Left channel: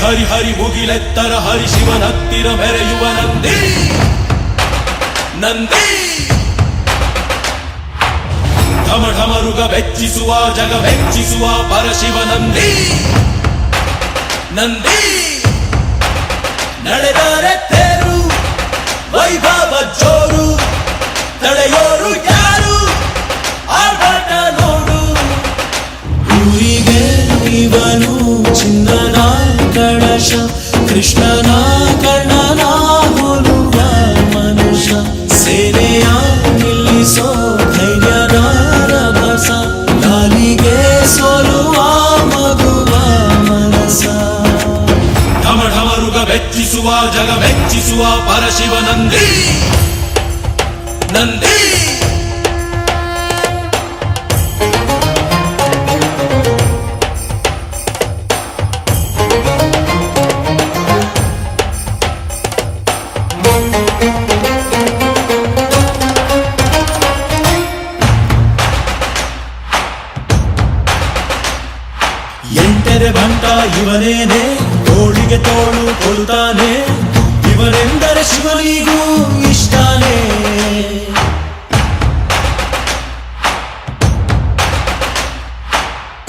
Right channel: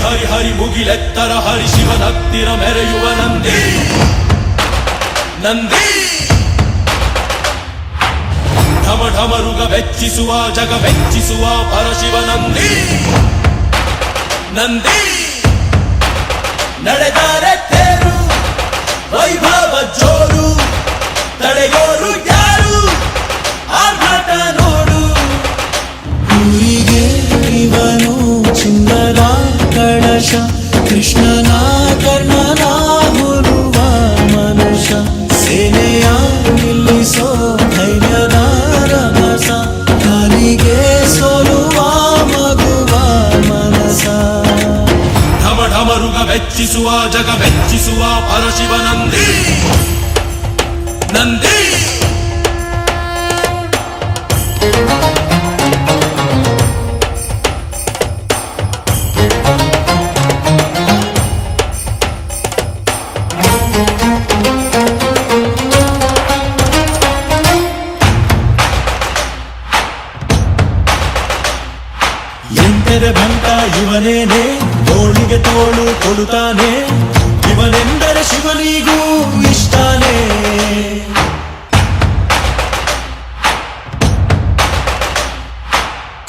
ಹರಿ ಹರಿ ಮುಗಿಲೆತ್ತರ ಹರಿ ಶಿವನತ್ತಿರ ಮೆರೆಯುವ ನಂದಿ ನಂದಿ ಢಮ ಢಮರುಗ ಬೆಚ್ಚಿಸುವ ಜಗ ಬೆಚ್ಚಿಸುವ ಪರಶಿವ ನಂದಿ ನಂದಿ ನಡೆದರೆ ತೇರು ವೈಭವ ಜೋರು ತಡೆಯೋರು ಯಾರು ಆರ್ಭಟ ನೋಡು ಊರಿಗೆ ಇವನು ಚಿನ್ನದ ಕಳಶ ಕೃಷ್ಣನ ಕರ್ಣನ ಹೋಲುವ ಮನುಷ್ಯ ಸೇನೆಯ ನಿಲ್ಲಿಸೋ ಧೈರ್ಯದ ರಭಸ ಕಾಲಿಗೆ ಸೋಲುವ ಮಗುವ ಮನಸ ಢಮ ಢಮರುಗ ಬೆಚ್ಚಿಸುವ ಜಗ ಬೆಚ್ಚಿಸುವ ಪರಶಿವ ನಂದಿ ನಂದಿ ಎಂಟರೆ ಭಂಟ ಇವನೇನೆ ತೋಳಿಗೆ ತೋಳು ಕೊಲುತ್ತಾನೆ ಇವನೆಂದರೆ ಶಿವನಿಗೂ ಇಷ್ಟಾನೆ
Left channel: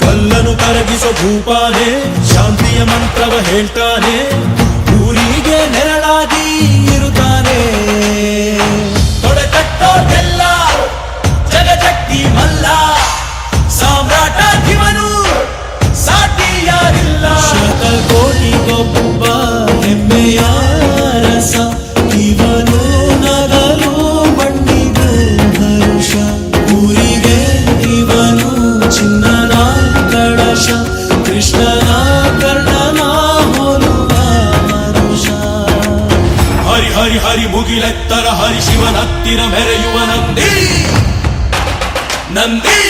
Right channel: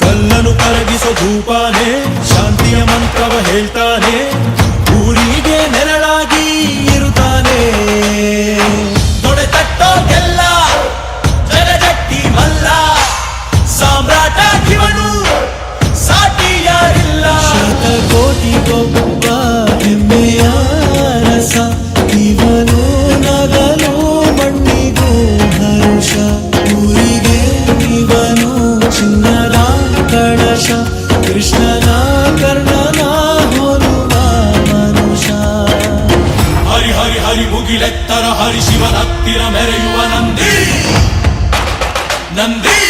ಕಲ್ಲನು ಕರಗಿಸೋ ಭೂಪಾನೆ ಶಾಂತಿಯ ಮಂತ್ರವ ಹೇಳ್ತಾನೆ ಊರಿಗೆ ನೆರಳಾಗಿ ಇರುತ್ತಾನೆ ತೊಡೆತಟ್ಟೋಗೆಲ್ಲ ಜಗಜಟ್ಟಿ ಮಲ್ಲ ಸಾಮ್ರಾಟ ಇವನು ಸಾಟಿಯಾರಿಲ್ಲ ಶತಕೋಟಿಗೊಬ್ಬ ಹೆಮ್ಮೆಯ ರಸ ಇವನು ನಗಲು ಮಣ್ಣಿಗೂ ಹರುಷ ಊರಿಗೆ ಇವನು ಚಿನ್ನದ ಕಳಶ ಕೃಷ್ಣನ ಕರ್ಣನ ಹೋಲುವ ಮನುಷ್ಯ ಹರಿ ಹರಿ ಹರಿ ಮುಗಿಲೆತ್ತರ ಹರಿ ಶಿವನತ್ತಿರ ಮೆರೆಯುವ ನಂದಿ ನಂದಿ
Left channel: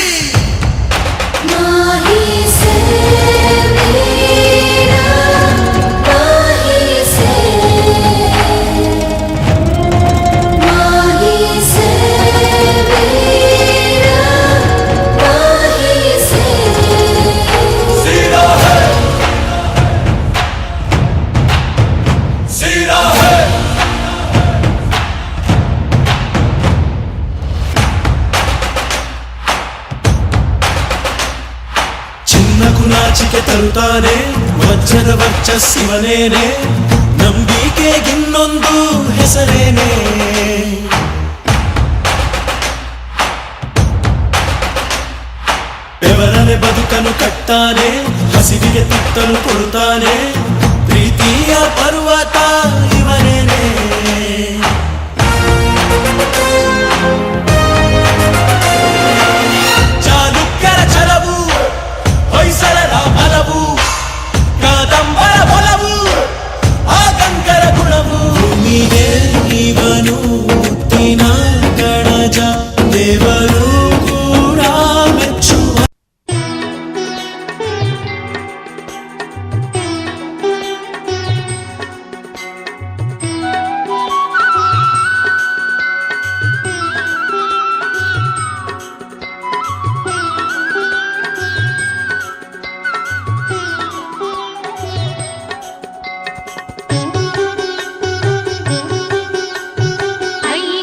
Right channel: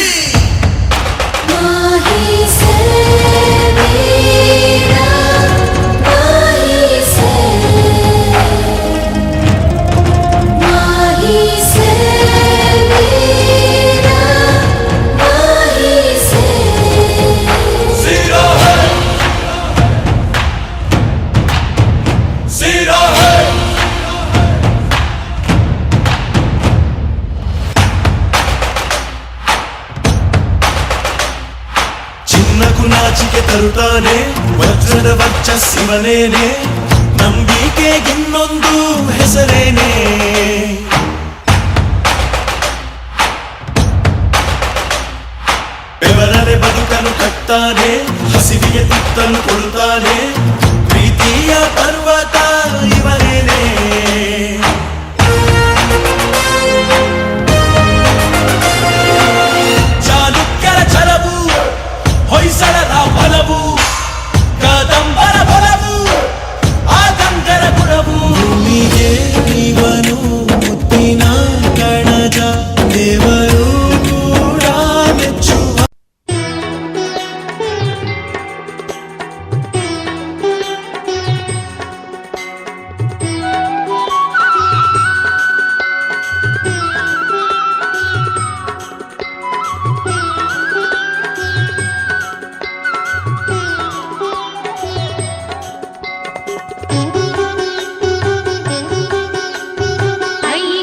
ಚಿನ್ನಕು ನಾಚಿಕೆ ತರುತ್ತಾನೆ ವಜ್ರದ ವರ್ಚಸ್ಸಿವನೇನೆ ನಂಬಿಕೆಗಿನ್ನೊಂದು ಹೆಸರೇನೆ ಬೆವರನೆ ಬದುಕನು ಕಟ್ತಾನೆ ಹಸಿವಿಗೆ ತುತ್ತಲು ಕೊಡುತ್ತಾನೆ ಪ್ರೀತಿಯ ಪರ್ವತ ಇವನೇನೆ ಚಾಲುಕ್ಯರ ಛಲವು ಹೊಯ್ಸಳರ ಮನವು ಕದಂಬರ ಬಲವು ಆತಂಕರ ಗುಣವು ಭೂಮಿಗೆ ಇವನು ಮುತ್ತಿನ ಕಣಜ ದೇವರು ಕೂಡ ಮೆಚ್ಚುವ ಅಯ್ಯ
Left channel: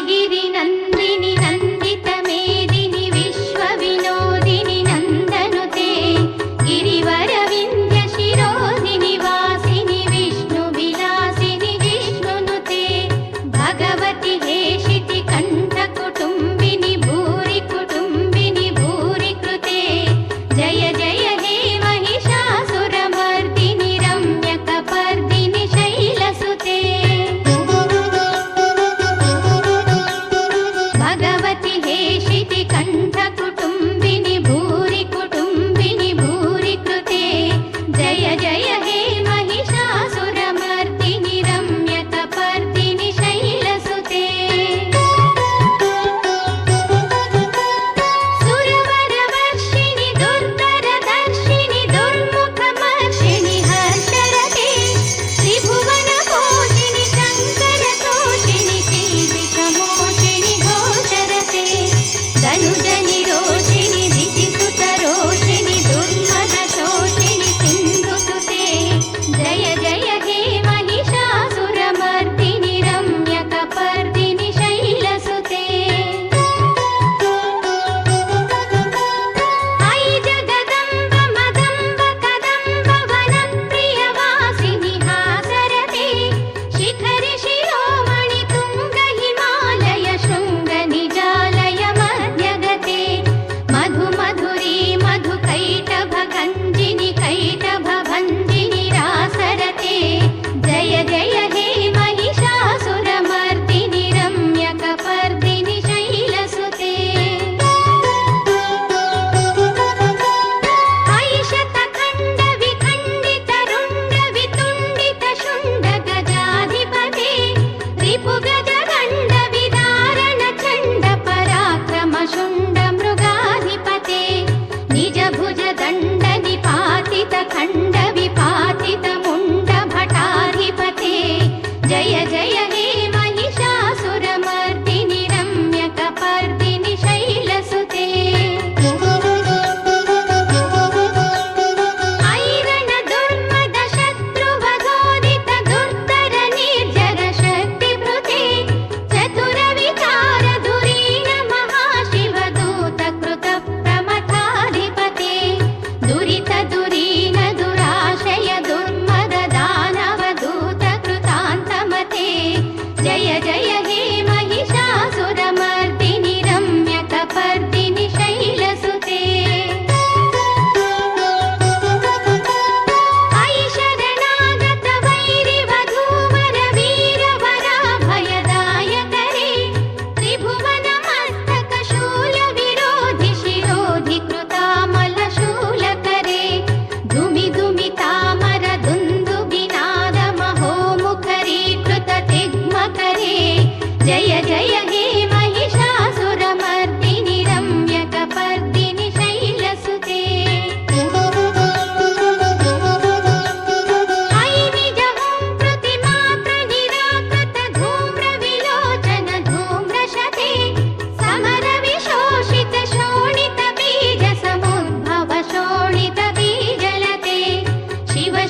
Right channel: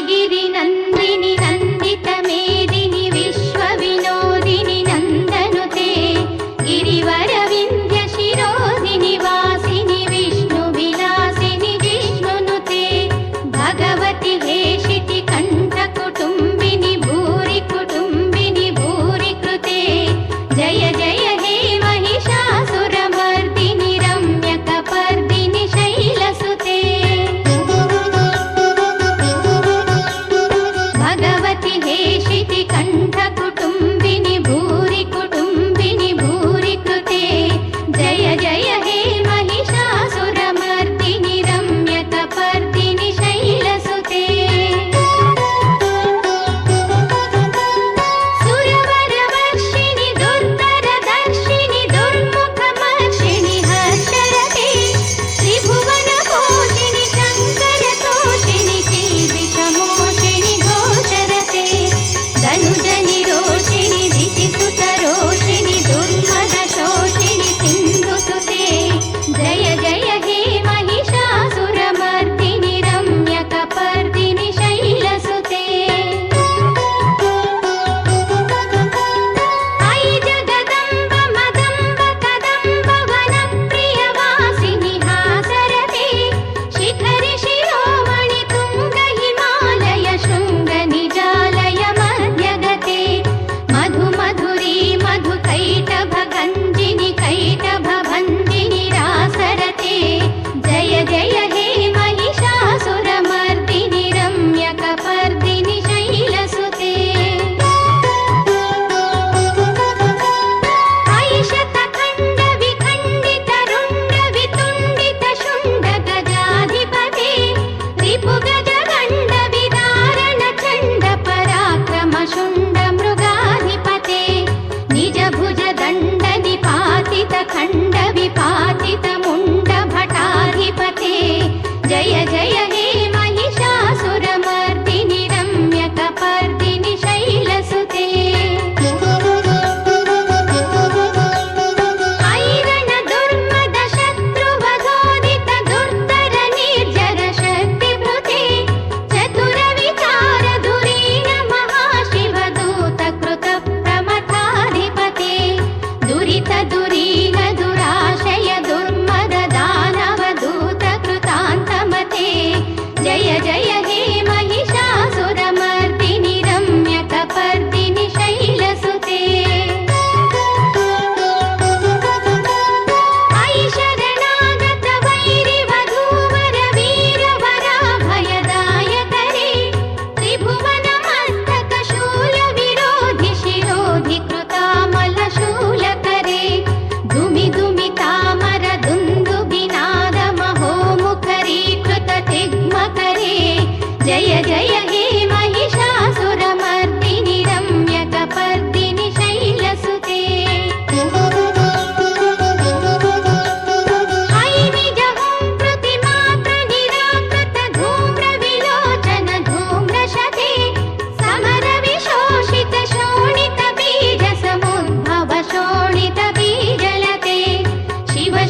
जय जय हे महिषासुरमर्दिनि रम्यकपर्दिनि शैलसुते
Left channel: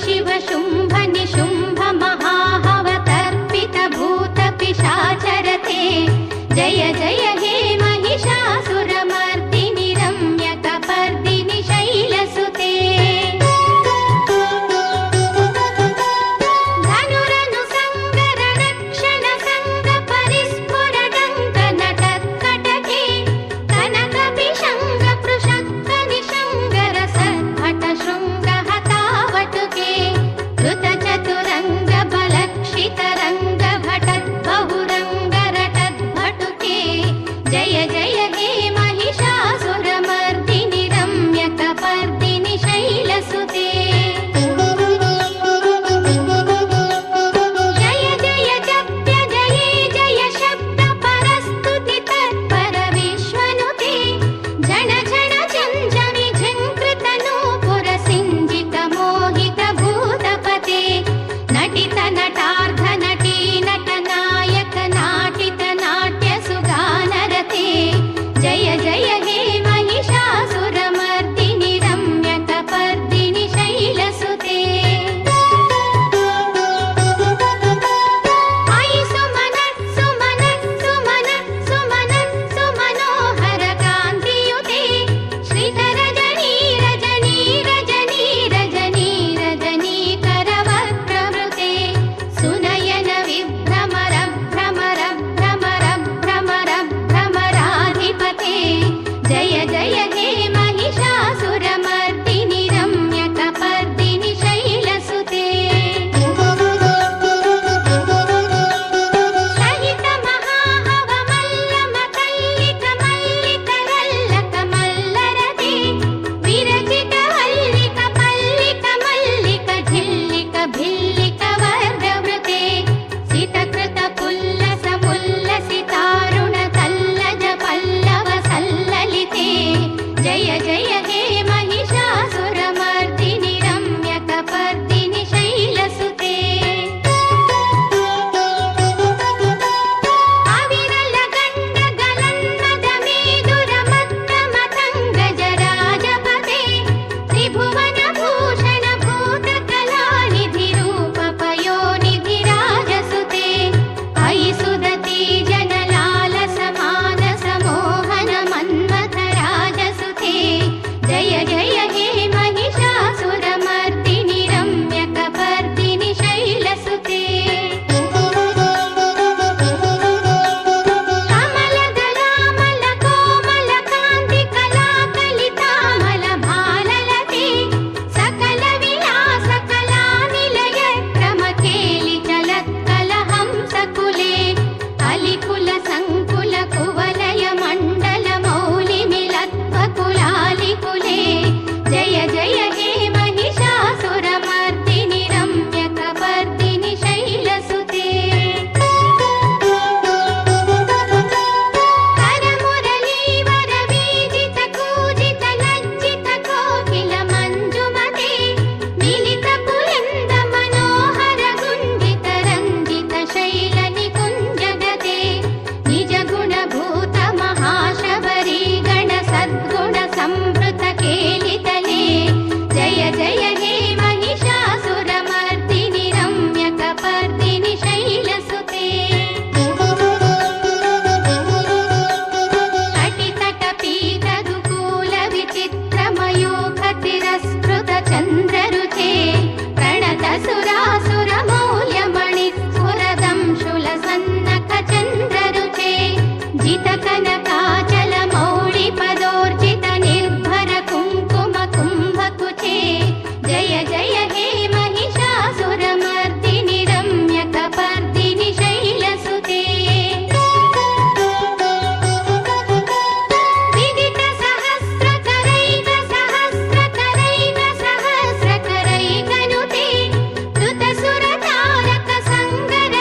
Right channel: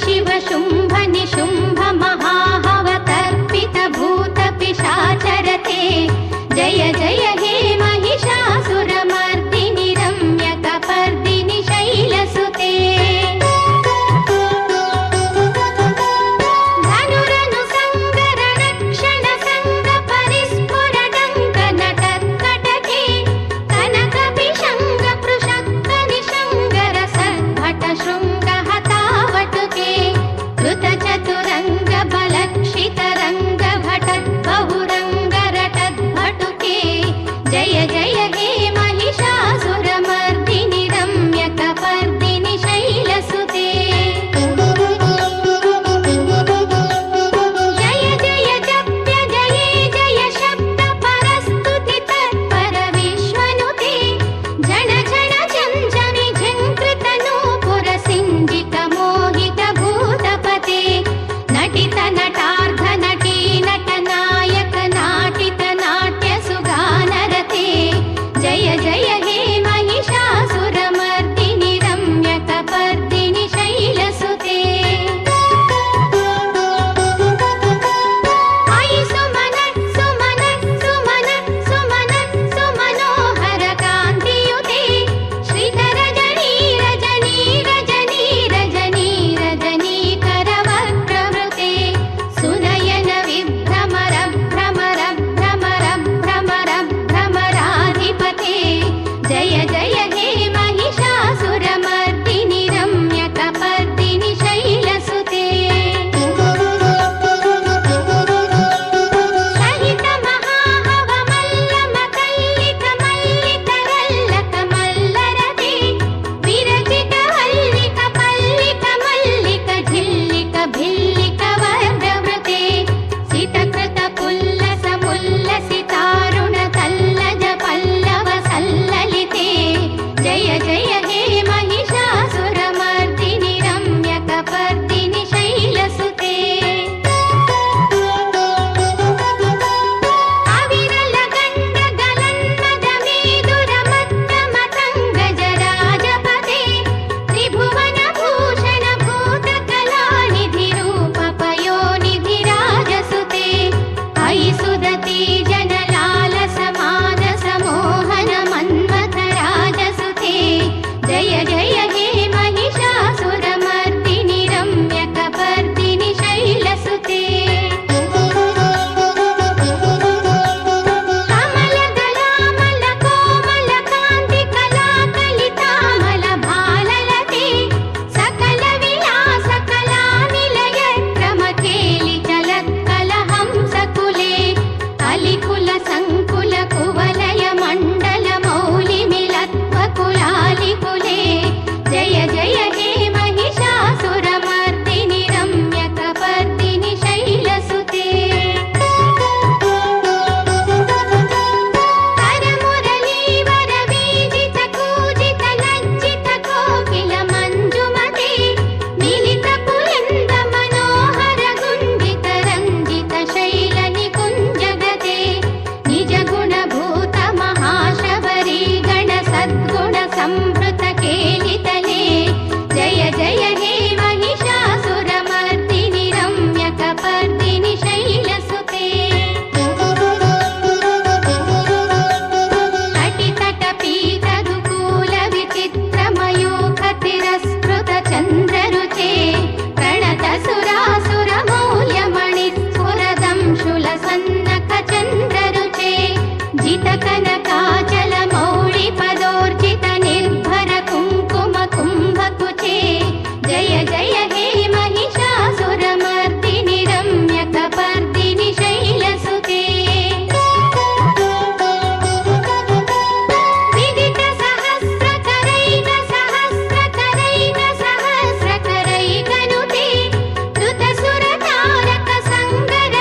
शिव शुंभ निशुंभ महाहवतर्पित भूत पिशाचरते जय जय हे महिषासुरमर्दिनि रम्यकपर्दिनि शैलसुते धनुरनु संगर रक्षण संग परिस्फुर डंक नटत्कटके कनक विशंग पृषक्क निशंगर सद्भट शृंग हतावटुके कृत चतुरंग बलक्षित रंग भटत् बहुरंग रटत् भटुके जय जय हे महिषासुरमर्दिनि रम्यकपर्दिनि शैलसुते जय जय जप्य जये जय शब्द परस्तुति तत्पर विश्वनुते झण झण झंझमि झंकृत नूपुर सिंजित मोहित भूतपते नटित नटार्ध नटी नट नायक नाटित नाट्य सुगानरते जय जय हे महिषासुरमर्दिनि रम्यकपर्दिनि शैलसुते अयि सुमन सुमन सुमन सुमन सुमनोहर कान्तियुते श्रीधर रजनी रजनी रजनी रजनी रजनी करवक्त्रवृते सुनयन विभ्रमर भ्रमर भ्रमर भ्रमर भ्रमराधिपते जय जय हे महिषासुरमर्दिनि रम्यकपर्दिनि शैलसुते सहित महाहवमल्ल मकल्लिक मल्लिक रल्लक मल्लरते विरचित हल्लिक पल्लिक मल्लिक झिल्लिक भिल्लिक वर्गवृते सितकृत पुल्लस मुल्लसितारुण तल्लज पल्लव सल्ललिते जय जय हे महिषासुरमर्दिनि रम्यकपर्दिनि शैलसुते अविरल गण्ड गलन्मद मेदुर मत्त मतङ्गज राजपते त्रिभुवन भूषण भूत कलानिधि रूप पयोनिधि राजसुते अयि सुदती जनलालस मानस मोहन मन्मथ राजसुते जय जय हे महिषासुरमर्दिनि रम्यकपर्दिनि शैलसुते कमलदलामल कोमल कान्ति कलाकलितामल भाललते सकल विलास कलानिलय क्रमकेलि चलत्कल हंसकुले अलिकुल संकुल कुवलय मण्डल मौलि मिलत्व कुलालिकुले जय जय हे महिषासुरमर्दिनि रम्यकपर्दिनि शैलसुते करमुरलीवर वीजित कूजित लज्जित कोकिल मञ्जुमते मिलित पुलिन्द मनोहर गुञ्जित रञ्जित शैल निकुञ्जगते निज गुणभूत महाशबरी गण सद्गुण संभृत केलितले जय जय हे महिषासुरमर्दिनि रम्यकपर्दिनि शैलसुते तटितटपीतरुकूल विचित्र मयूख तिरस्कृत चन्द्ररुचे प्रणत सुरासुर मौल्यमणि स्फुरदंशुल सन्नक चन्द्ररुचे जित कनकाचल मौळि पदोर्जित निर्भर कुङ्कुम कुम्भकुचे जय जय हे महिषासुरमर्दिनि रम्यकपर्दिनि शैलसुते विदित सहस्रकरैक सहस्रकरैक सहस्रकरैकनुते कृत सुरतारक संगर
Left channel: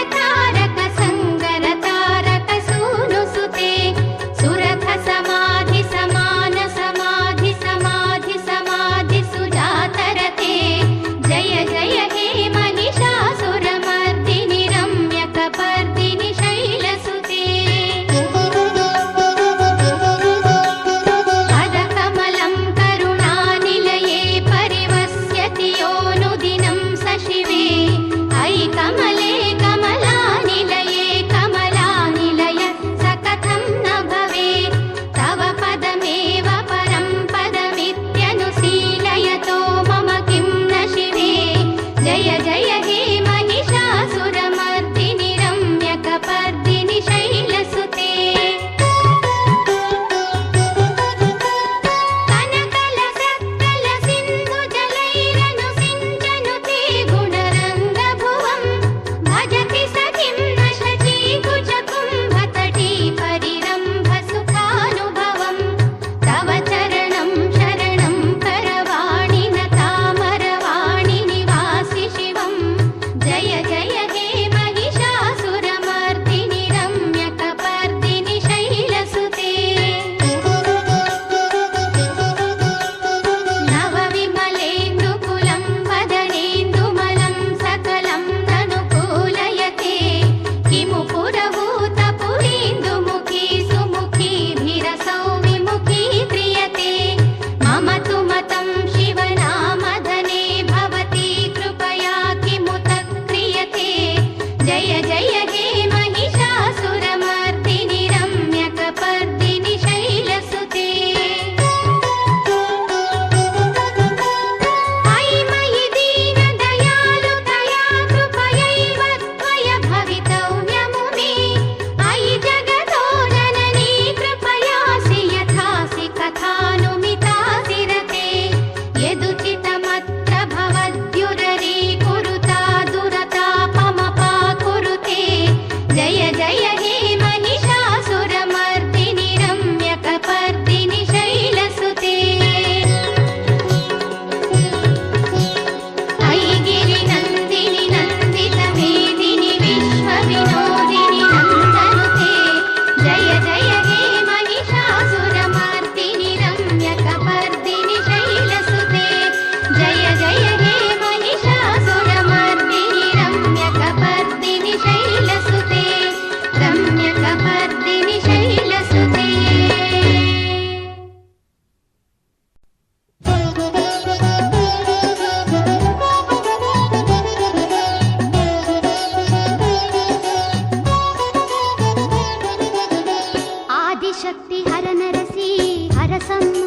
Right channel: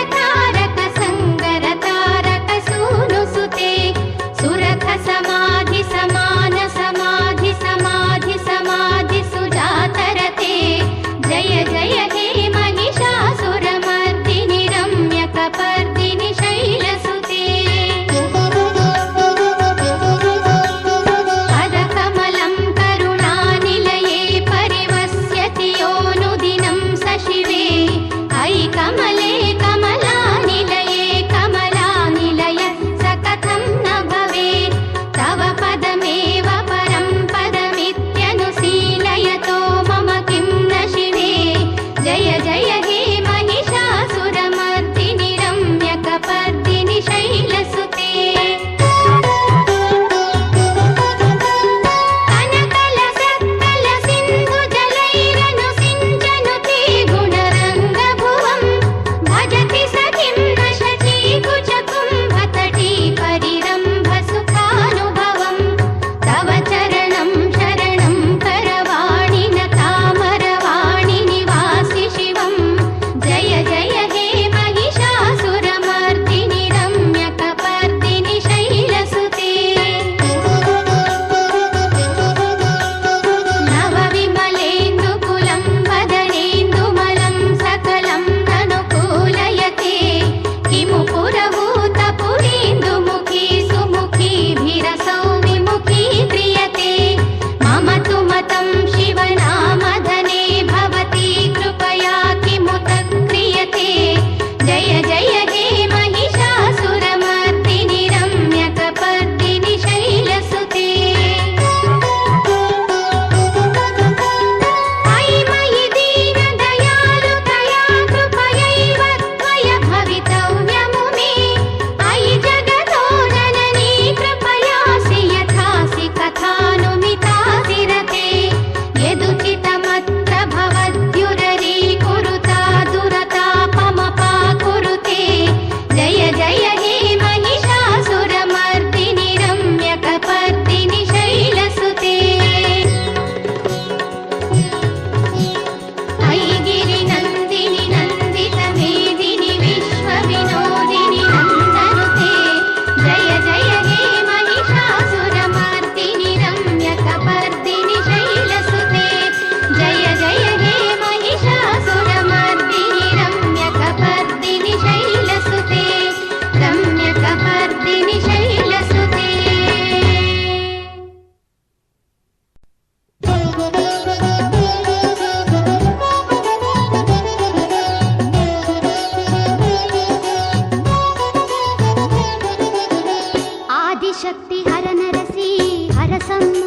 ಆದಿಶಕ್ತಿ ಹರನರಸಿ ಹರಸಮ್ಮ.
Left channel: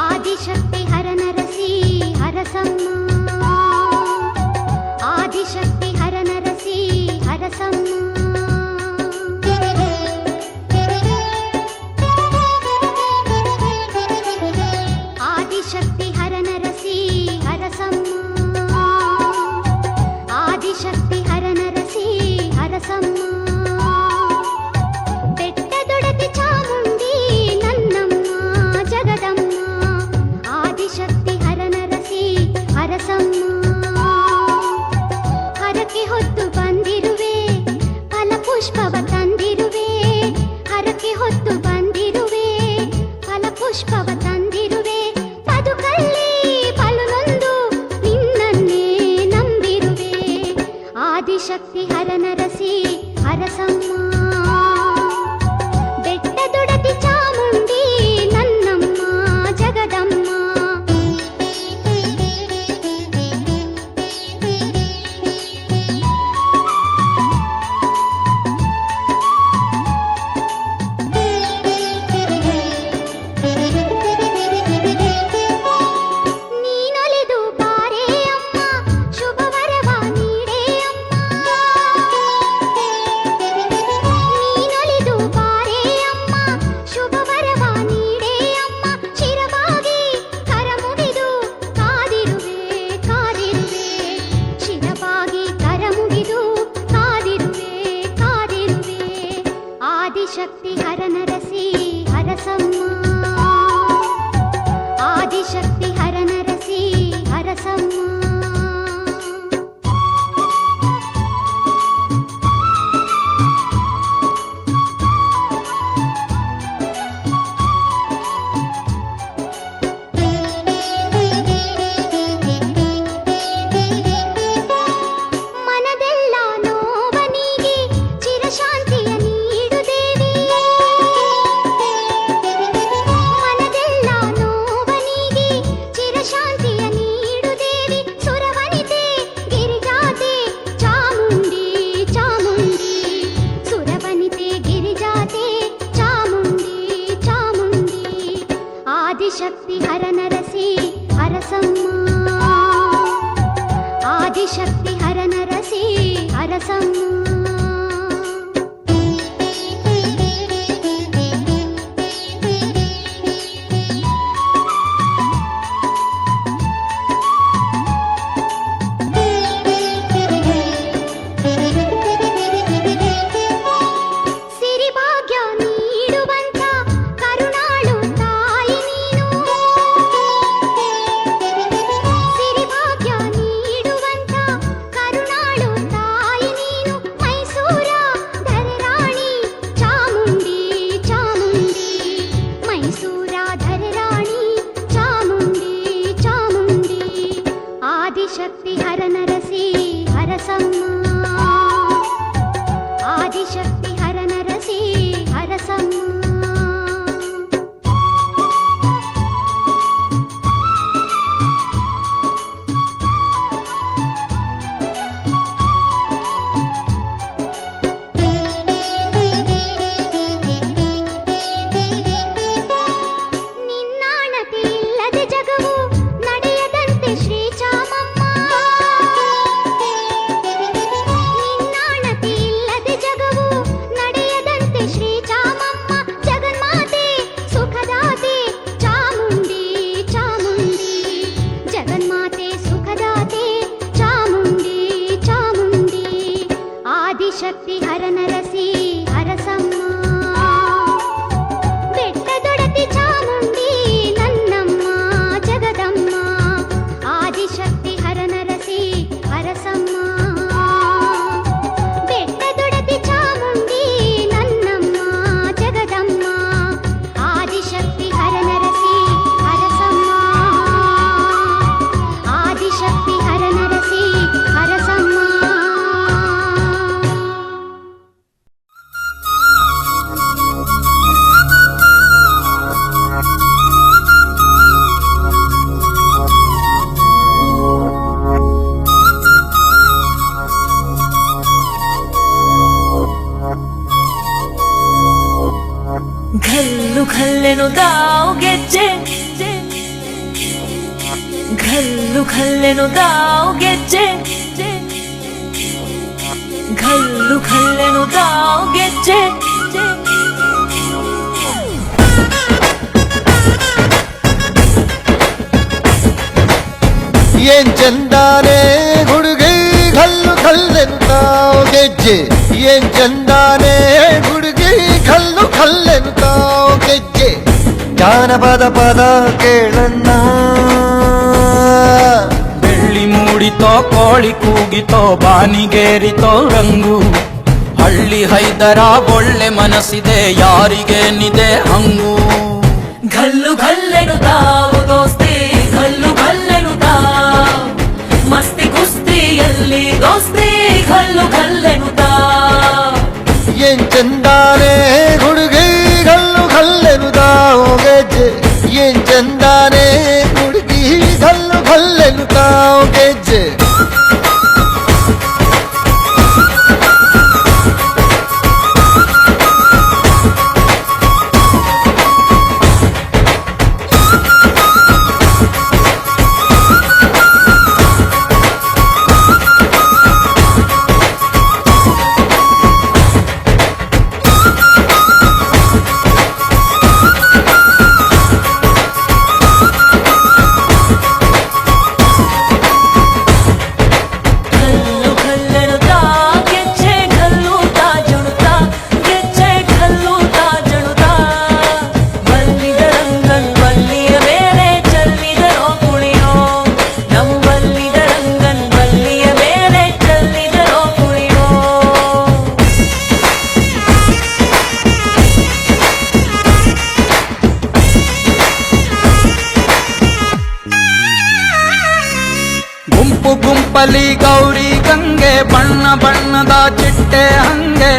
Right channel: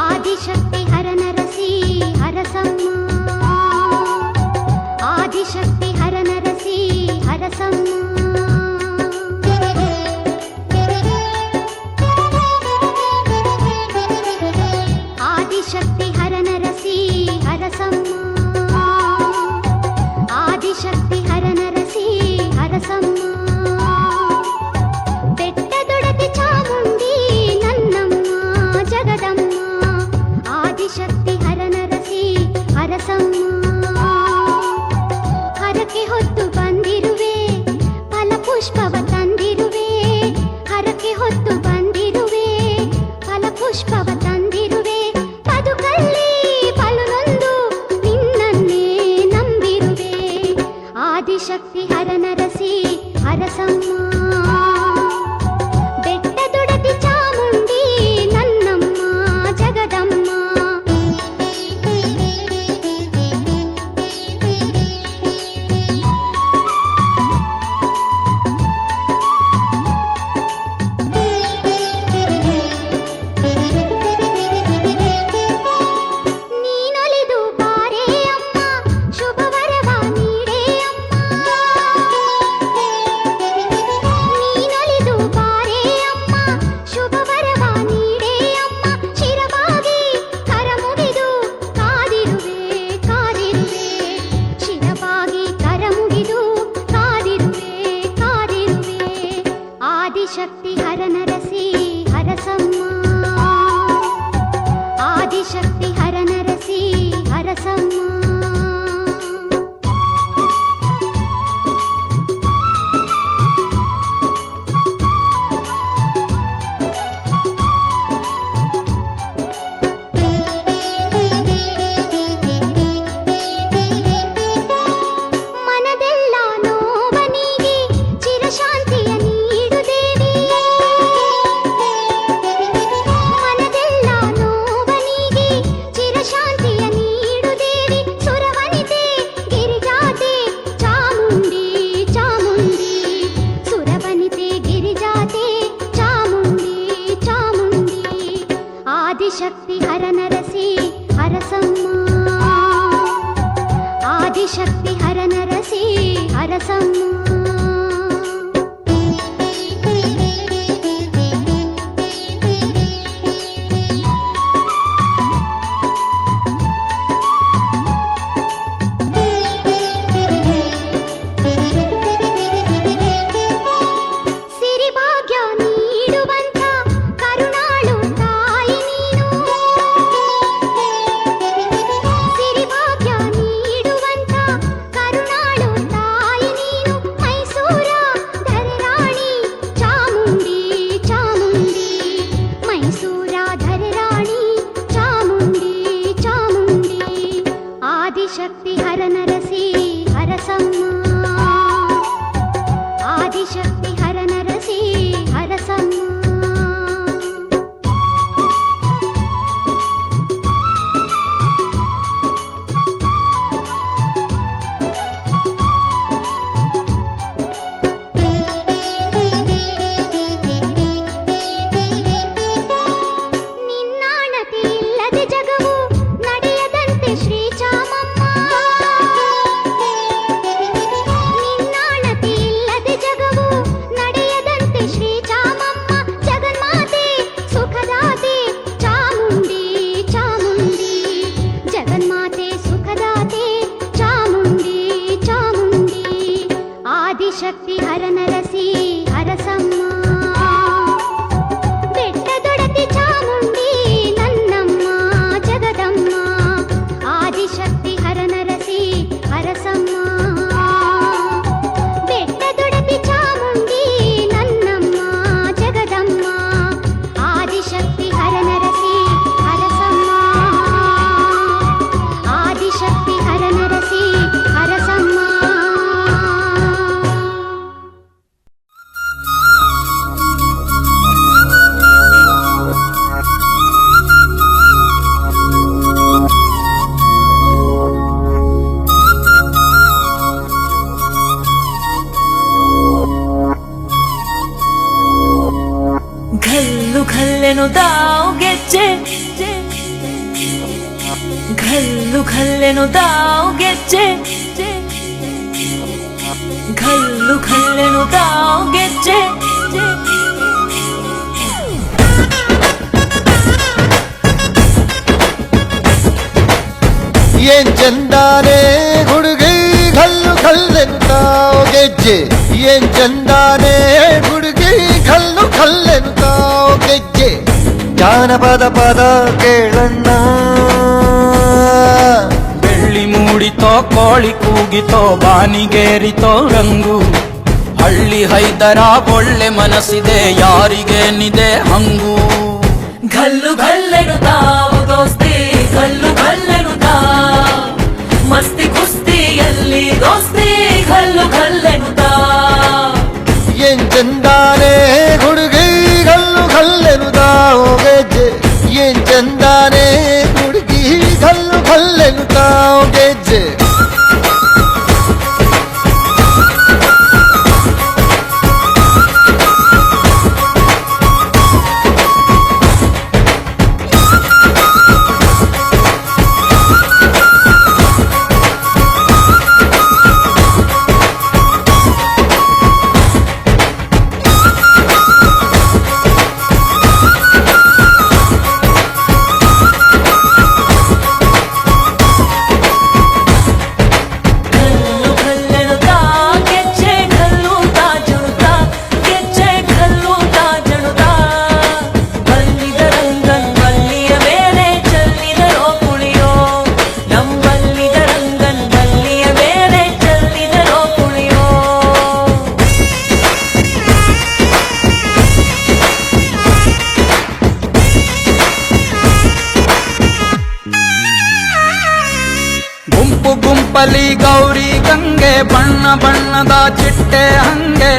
ಆದಿಶಕ್ತಿ ಹರನರಸಿ ಹರಸಮ್ಮ. ಆದಿಶಕ್ತಿ ಹರನರಸಿ ಹರಸಮ್ಮ. ಆದಿಶಕ್ತಿ ಹರನರಸಿ ಹರಸಮ್ಮ. ಆದಿಶಕ್ತಿ ಹರನರಸಿ ಹರಸಮ್ಮ. ಬೆಟ್ಟದೊಡತಿ ಚಾಮುಂಡಿ ನನ್ನಮ್ಮ ಜಗದಮ್ಮ. ಆದಿಶಕ್ತಿ ಹರನರಸಿ ಹರಸಮ್ಮ. ಹರಕೆ ಹೊತ್ತು ಬಂದಿರುವೆ ಫಲಪುಷ್ಪವ ತಂದಿರುವೆ. ಹರಕೆ ಹೊತ್ತು ಬಂದಿರುವೆ ಫಲಪುಷ್ಪವ ತಂದಿರುವೆ. ಬದುಕಲ್ಲಿ ಫಲನೊಂದು ನಿನ್ನನ್ನೇ ನಂಬಿರುವೆ. ಆದಿಶಕ್ತಿ ಹರನರಸಿ ಹರಸಮ್ಮ. ಬೆಟ್ಟದೊಡತಿ ಚಾಮುಂಡಿ ನನ್ನಮ್ಮ ಜಗದಮ್ಮ. ನೀನೊಲಿದು ಬಾರೇ ಅಮ್ಮ ಶುಭವರವ ನೀಡೇ ಅಮ್ಮ. ನೀನೊಲಿದು ಬಾರೇ ಅಮ್ಮ ಶುಭವರವ ನೀಡೇ ಅಮ್ಮ. ಶಿರವಾಗಿ ಕರಮುಗಿದು ಕಾದಿರುವೆ ಕಾದಿರುವೆ. ಶಿರವಾಗಿ ಕರಮುಗಿದು ಕಾದಿರುವೆ ಕಾದಿರುವೆ. ಆದಿಶಕ್ತಿ ಹರನರಸಿ ಹರಸಮ್ಮ. ಆದಿಶಕ್ತಿ ಹರನರಸಿ ಹರಸಮ್ಮ. ಮನದೆಲ್ಲ ನೋವನಿಗೆ ಚಿರಶಾಂತಿಯ ನೀಡು ದೇವಿ. ಮನದೆಲ್ಲ ನೋವನಿಗೆ ಚಿರಶಾಂತಿಯ ನೀಡು ದೇವಿ. ಸುರವನಿತೆ ಗಿರಿಜಾತೆ ಚಾಮುಂಡಿ ಚಾಮುಂಡಿ. ಸುರವನಿತೆ ಗಿರಿಜಾತೆ ಚಾಮುಂಡಿ ಚಾಮುಂಡಿ. ಆದಿಶಕ್ತಿ ಹರನರಸಿ ಹರಸಮ್ಮ. ಆದಿಶಕ್ತಿ ಹರನರಸಿ ಹರಸಮ್ಮ. ಸಿರಿಭಾಗ್ಯ ನೀಡುವಂತ ಕರುಣಾಳು ತಾಯಿ ನೀನು. ಸಿರಿಭಾಗ್ಯ ನೀಡುವಂತ ಕರುಣಾಳು ತಾಯಿ ನೀನು. ಮೈಸೂರ ಧರೆರಾಣಿ ಚಾಮುಂಡಿ ಚಾಮುಂಡಿ. ಮೈಸೂರ ಧರೆರಾಣಿ ಚಾಮುಂಡಿ ಚಾಮುಂಡಿ. ಆದಿಶಕ್ತಿ ಹರನರಸಿ ಹರಸಮ್ಮ. ಆದಿಶಕ್ತಿ ಹರನರಸಿ ಹರಸಮ್ಮ. ನಿನ್ನಾಣತಿ ಇಲ್ಲದೆ ಜಗವು ನಡೆಯದಂತೆ ಶ್ರೀ ಚಾಮಮ್ಮ. ನಿನ್ನಾಣತಿ ಇಲ್ಲದೆ ಜಗವು ನಡೆಯದಂತೆ ಶ್ರೀ ಚಾಮಮ್ಮ. ಜಗನ್ಮಾತೆ ಸುಖದಾತೆ ಚಾಮುಂಡಿ ಚಾಮುಂಡಿ. ಜಗನ್ಮಾತೆ ಸುಖದಾತೆ ಚಾಮುಂಡಿ ಚಾಮುಂಡಿ. ಆದಿಶಕ್ತಿ ಹರನರಸಿ ಹರಸಮ್ಮ. ಬೆಟ್ಟದೊಡತಿ ಚಾಮುಂಡಿ ನನ್ನಮ್ಮ ಜಗದಮ್ಮ. ಆದಿಶಕ್ತಿ ಹರನರಸಿ ಹರಸಮ್ಮ. ಬೆಟ್ಟದೊಡತಿ ಚಾಮುಂಡಿ ನನ್ನಮ್ಮ ಜಗದಮ್ಮ. ಆದಿಶಕ್ತಿ ಹರನರಸಿ ಹರಸಮ್ಮ. ಆದಿಶಕ್ತಿ ಹರನರಸಿ ಹರಸಮ್ಮ. ಖಲ್ಲೆನು ತಾವು ಗೆಜ್ಜೆ ಘಲ್ಲು ಖಲ್ಲೆನು ತಾವು ಗೆಜ್ಜೆ ಏನ್ ಚಂದಾನೆ ಹುಡುಗಿ ಘಲ್ಲು ಘಲ್ಲೆನು ತಾವು ಗೆಜ್ಜೆ ಏನ್ ಚಂದಾನೆ ಹುಡುಗಿ ಘಲ್ಲು ಘಲ್ಲೆನು ತಾವು ಗೆಜ್ಜೆ ಜಾನಪದ ಪದ ಕೇಳಣ್ಣ ಬೆಳ್ಳಿ ಮೂಡಿತೋ ಕೋಳಿ ಕೂಗಿತೋ ಬಾನಿಗೇರಿತೋ ರಂಗು ಹಳ್ಳಿ ಹೈದರ ಒಳ್ಳೆ ಮನಸ್ಸಿದೆ ಯಾರಿಗೇನಿದೆ ಹಂಗು ಘಲ್ಲು ಘಲ್ಲೆನು ತಾವು ದೋಸ್ತಿ ಘಲ್ಲು ಘಲ್ಲೆನು ತಾವು ಮಸ್ತಿ ಕುಸ್ತಿಯಲ್ಲಿ ದೋಸ್ತಿ ಘಲ್ಲು ಘಲ್ಲೆನು ತಾವು ಏನ್ ಚಂದಾನೆ ಹುಡುಗಿ ಘಲ್ಲು ಘಲ್ಲೆನು ತಾವು ಗೆಜ್ಜೆ ಏನ್ ಚಂದಾನೆ ಹುಡುಗಿ ಘಲ್ಲು ಘಲ್ಲೆನು ತಾವು ಗೆಜ್ಜೆ ಗುಂಪು ಗುಂಪಲಿ ಗೌರಿ ಗಂಗೆ ಬಣ್ಣ ಬಣ್ಣದ ಚಿಟ್ಟೆ ಹಂಗೆ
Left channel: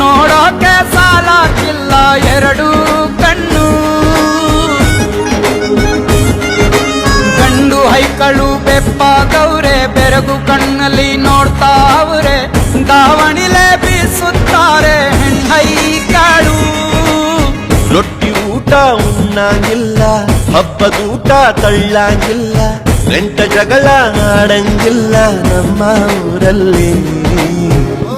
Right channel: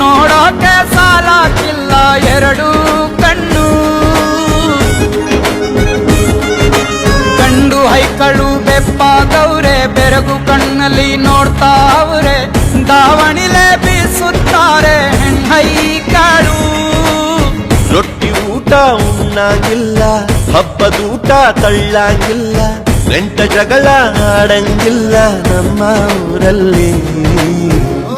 ನೋಡೋಕೆ ಸಾಲಾಕಿಲ್ಲ ಎರಡು ಕಣ್ಣು ಗಂಡು ಹೈಕಳು ಬೆಪ್ಪ ಗೌರೆ ಬೆರಗು ಕಣ್ಣಲ್ಲಿ ನೋಡ್ತಾ ಅವ್ರೆ ದಾವಣಿಲೆ ಬೀಸುತ್ತಾರೆ ಹೆಣ್ಣೈಕಾಳು ರೊಟ್ಟಿ ಊಟ ಉಣ್ಣಂಗಿಲ್ಲ ಹಬ್ಬದೂಟ ತಳ್ಳಂಗಿಲ್ಲ ಗಂಟ ಜಗಳ ಆಡಂಗಿಲ್ಲ ನಮ್ಮ ಊರಲ್ಲಿ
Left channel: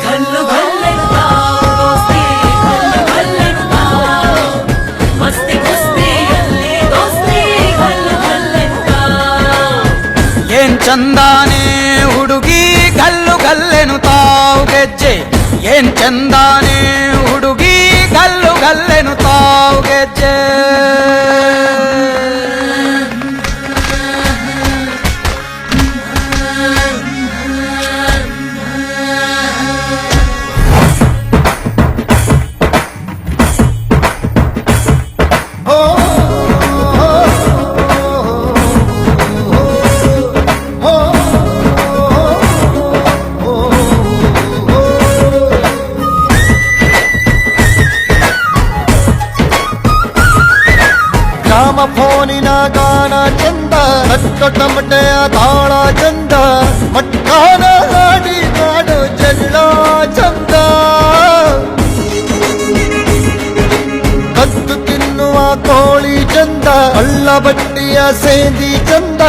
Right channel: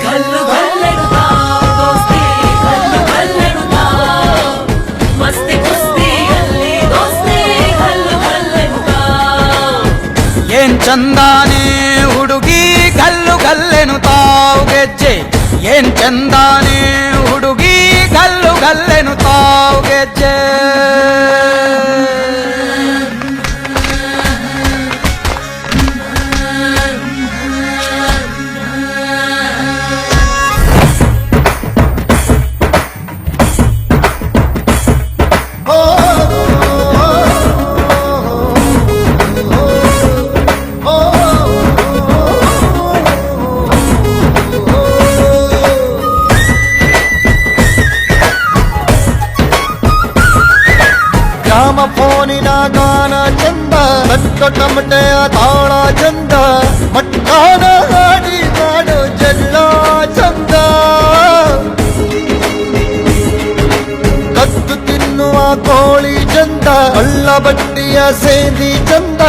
ಘಲ್ಲು ಘಲ್ಲೆನು ತಾವು ದೋಸ್ತಿ ಘಲ್ಲು ಘಲ್ಲೆನು ತಾವು ಮಸ್ತಿ ಕುಸ್ತಿಯಲ್ಲಿ ದೋಸ್ತಿ ಘಲ್ಲು ಘಲ್ಲೆನು ತಾವು ಏನ್ ಚಂದಾನೆ ಹುಡುಗಿ ಗಲ್ಲು ಗಲ್ಲೆನು ತಾವು ಗೆಜ್ಜೆ ಏನ್ ಚಂದಾನೆ ಹುಡುಗಿ ಗಲ್ಲು ಗಲ್ಲೆನು ತಾವು ಗೆಜ್ಜೆ ಗ್ರಾಮ ಫೋನಿನ ಗಾನ ಚಂದ ತಟ್ಟ ಟಮಟೆಯ ತಾಳ ಚಂದ ಮಟ್ಟಾನ ಹಾಡಿ ಮಾಡೋ ಜಗಳ ಚಂದ ಕದ್ದು ತಿನ್ನುವ ಕೋಳಿ ಚಂದ ಹಳ್ಳ ಬಟ್ಟಿಯ ಸೇಂದಿ ಚಂದ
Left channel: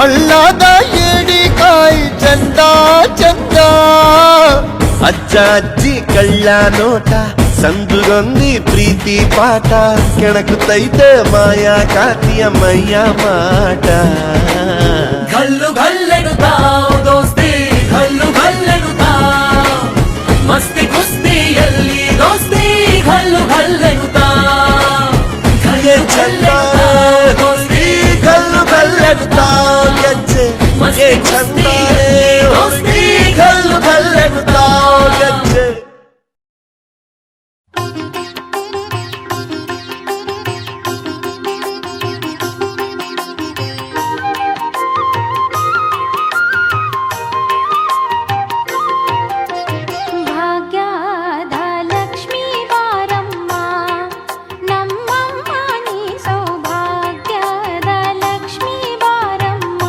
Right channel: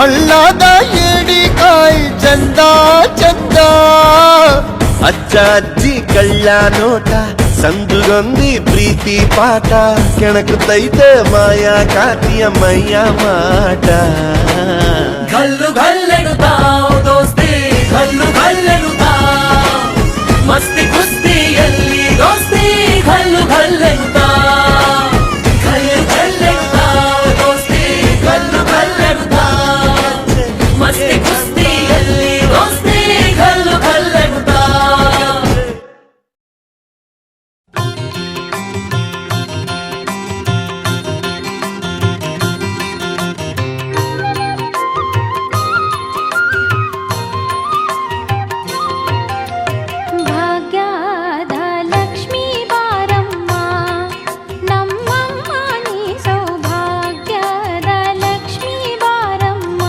ಹಳ್ಳದ ಏಡಿಕಾಯಿ ಚಂದ ಚಂದ ಅಜ್ಜ ಅಜ್ಜಿ ಕಳ್ಳ ನೋಟ ಸಂದುಗೊಂದಿ ಪ್ರೀತಿ ಪಾಠ ಕೆಣಕುತ್ತೈತೆ ಮಾಯಾ ಕಾತಿಯ ಮೈಯ ಮಾಟ ಘಲ್ಲು ಘಲ್ಲೆನು ತಾವು ದೋಸ್ತಿ ಘಲ್ಲು ಘಲ್ಲೆನು ತಾವು ಮಸ್ತಿ ಕುಸ್ತಿಯಲ್ಲಿ ದೋಸ್ತಿ ಘಲ್ಲು ಘಲ್ಲೆನು ತಾವು ಘಲ್ಲು ಘಲ್ಲೆನು ತಾವು ದೋಸ್ತಿ ಘಲ್ಲು ಘಲ್ಲೆನು ತಾವು ಗೆಜ್ಜೆ ಮಸ್ತಿ ಕುಸ್ತಿಯಲ್ಲಿ ದೋಸ್ತಿ ಘಲ್ಲು ಘಲ್ಲೆನು ತಾವು ಗೆಜ್ಜೆ ಭಾಗ್ಯದ ಲಕ್ಷ್ಮೀ ಬಾರಮ್ಮ ನಮ್ಮಮ್ಮ ನೀ ಸೌಭಾಗ್ಯದ ಲಕ್ಷ್ಮೀ ಬಾರಮ್ಮ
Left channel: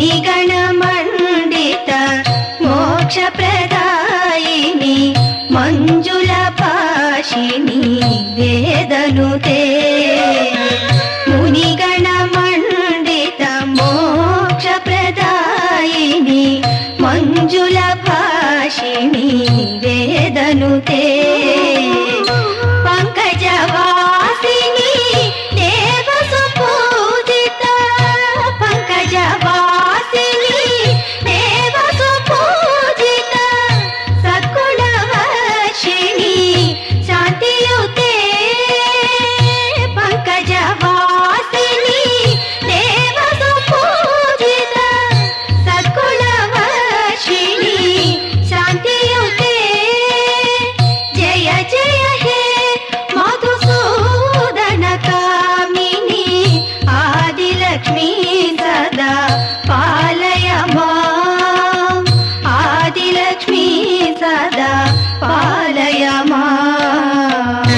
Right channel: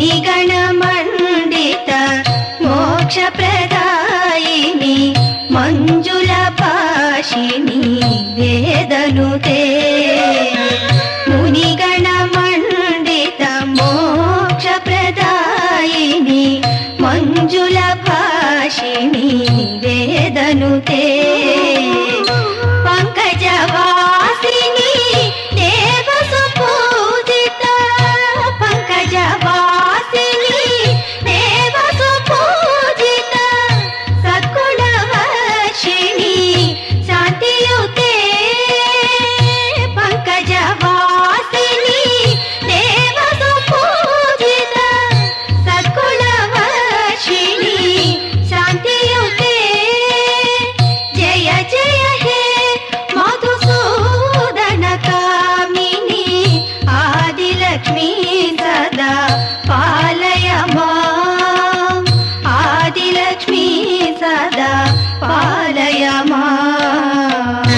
मुनिगणमण्डित मोक्षप्रदायिनि मञ्जुलपाशिनि वेदनुते मुनिगणमण्डित मोक्षप्रदायिनि मञ्जुलभाषिणि वेदनुते पङ्कजवासिनि देवसुपूजित पङ्कजवासिनि देवसुपूजित सद्गुणवर्षिणि शान्तियुते पङ्कजवासिनि देवसुपूजित सद्गुणवर्षिणि शान्तियुते जय जय हे मधुसूदन कामिनी आदिलक्ष्मी सदा पालय माम् आदिलक्ष्मी सदा पालय माम्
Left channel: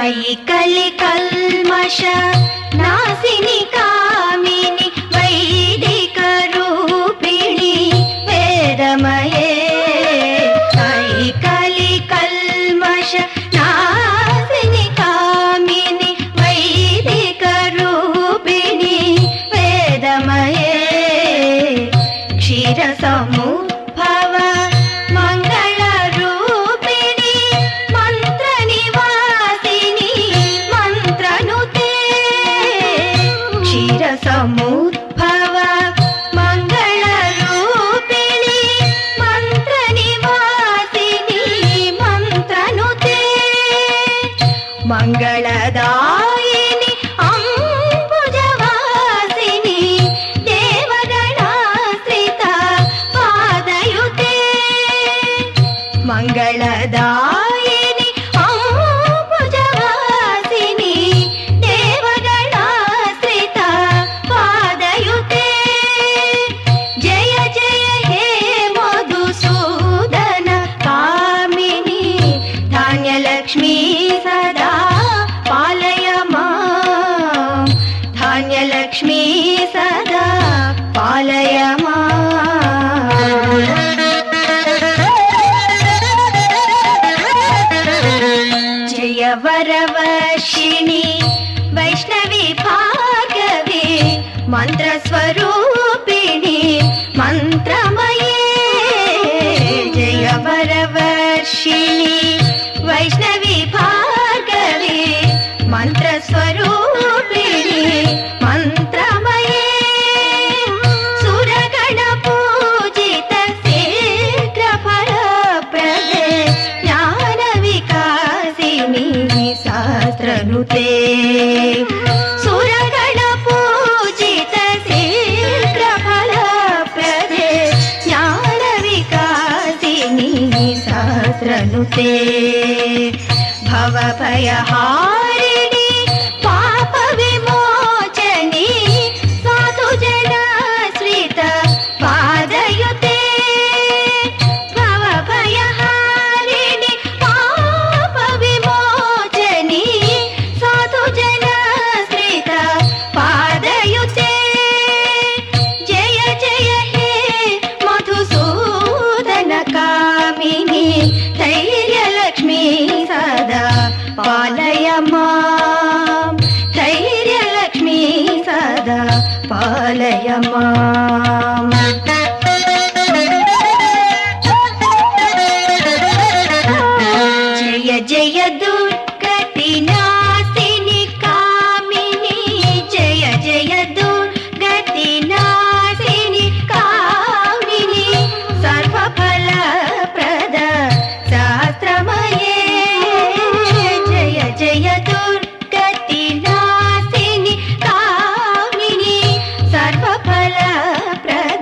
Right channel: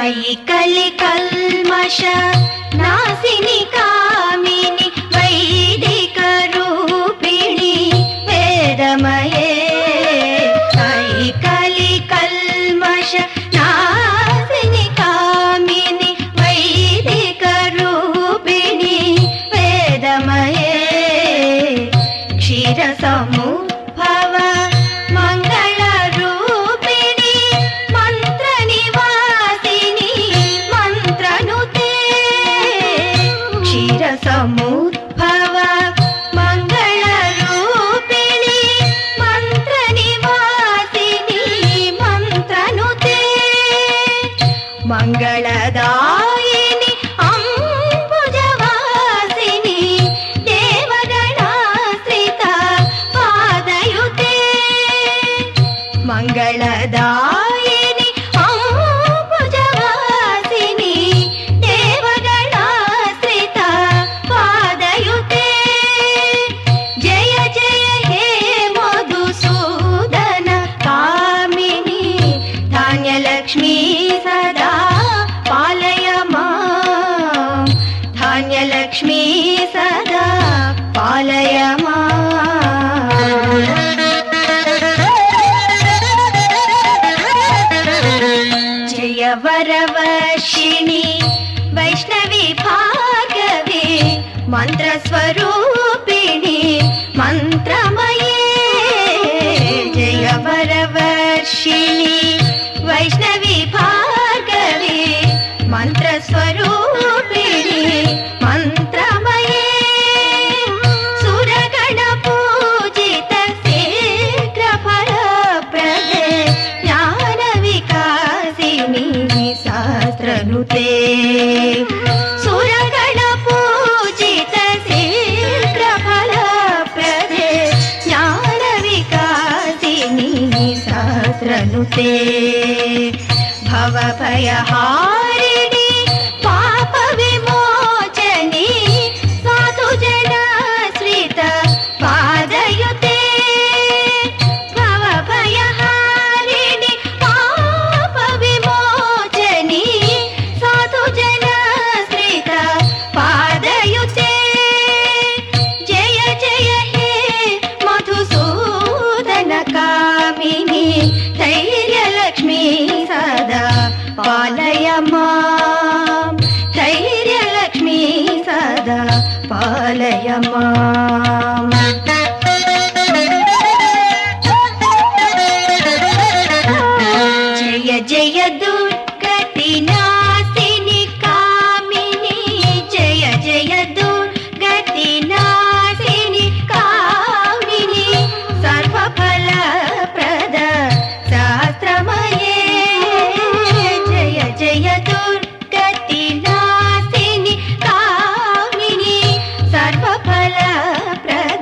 अयि कलिकल्मष नासिनि कामिनि वैदिक रूपिणि वेदमये अयि कलिकल्मष नासिनि कामिनि वैदिक रूपिणि वेदमये क्षीरसमुद्भव मङ्गलरूपिणि मन्त्रनिवासिनि मन्त्रनुते क्षीरसमुद्भव मङ्गलरूपिणि मन्त्रनिवासिनि मन्त्रनुते मङ्गलदायिनि अम्बुजवासिनि देवगणाश्रित पादयुते मङ्गलदायिनि अम्बुजवासिनि देवगणाश्रित पादयुते जय जय हे मधुसूदन कामिनी धान्यलक्ष्मी सदा पालय माम् धान्यलक्ष्मी सदा पालय माम् जय वरवर्षिणि वैष्णवी भार्गवी मन्त्रस्वरूपिणि मन्त्रमये जय वरवर्षिणि वैष्णवी भार्गवी मन्त्रस्वरूपिणि मन्त्रमये सुरगणपूजित शीघ्रफलप्रदे ज्ञानविकासिनि शास्त्रनुते सुरगणपूजित शीघ्रफलप्रदे ज्ञानविकासिनि शास्त्रनुते भवभयहारिणि पापविमोचनि साधुजनाश्रित पादयुते भवभयहारिणि पापविमोचनि साधुजनाश्रित पादयुते जय जय हे मधुसूदन कामिनी धैर्यलक्ष्मी सदा पालय माम् धैर्यलक्ष्मी सदा पालय माम् जय जय दुर्गति नासिनि कामिनी जय जय दुर्गति नासिनि कामिनी सर्वफलप्रद शास्त्रमये जय जय दुर्गति नासिनि कामिनी सर्वफलप्रद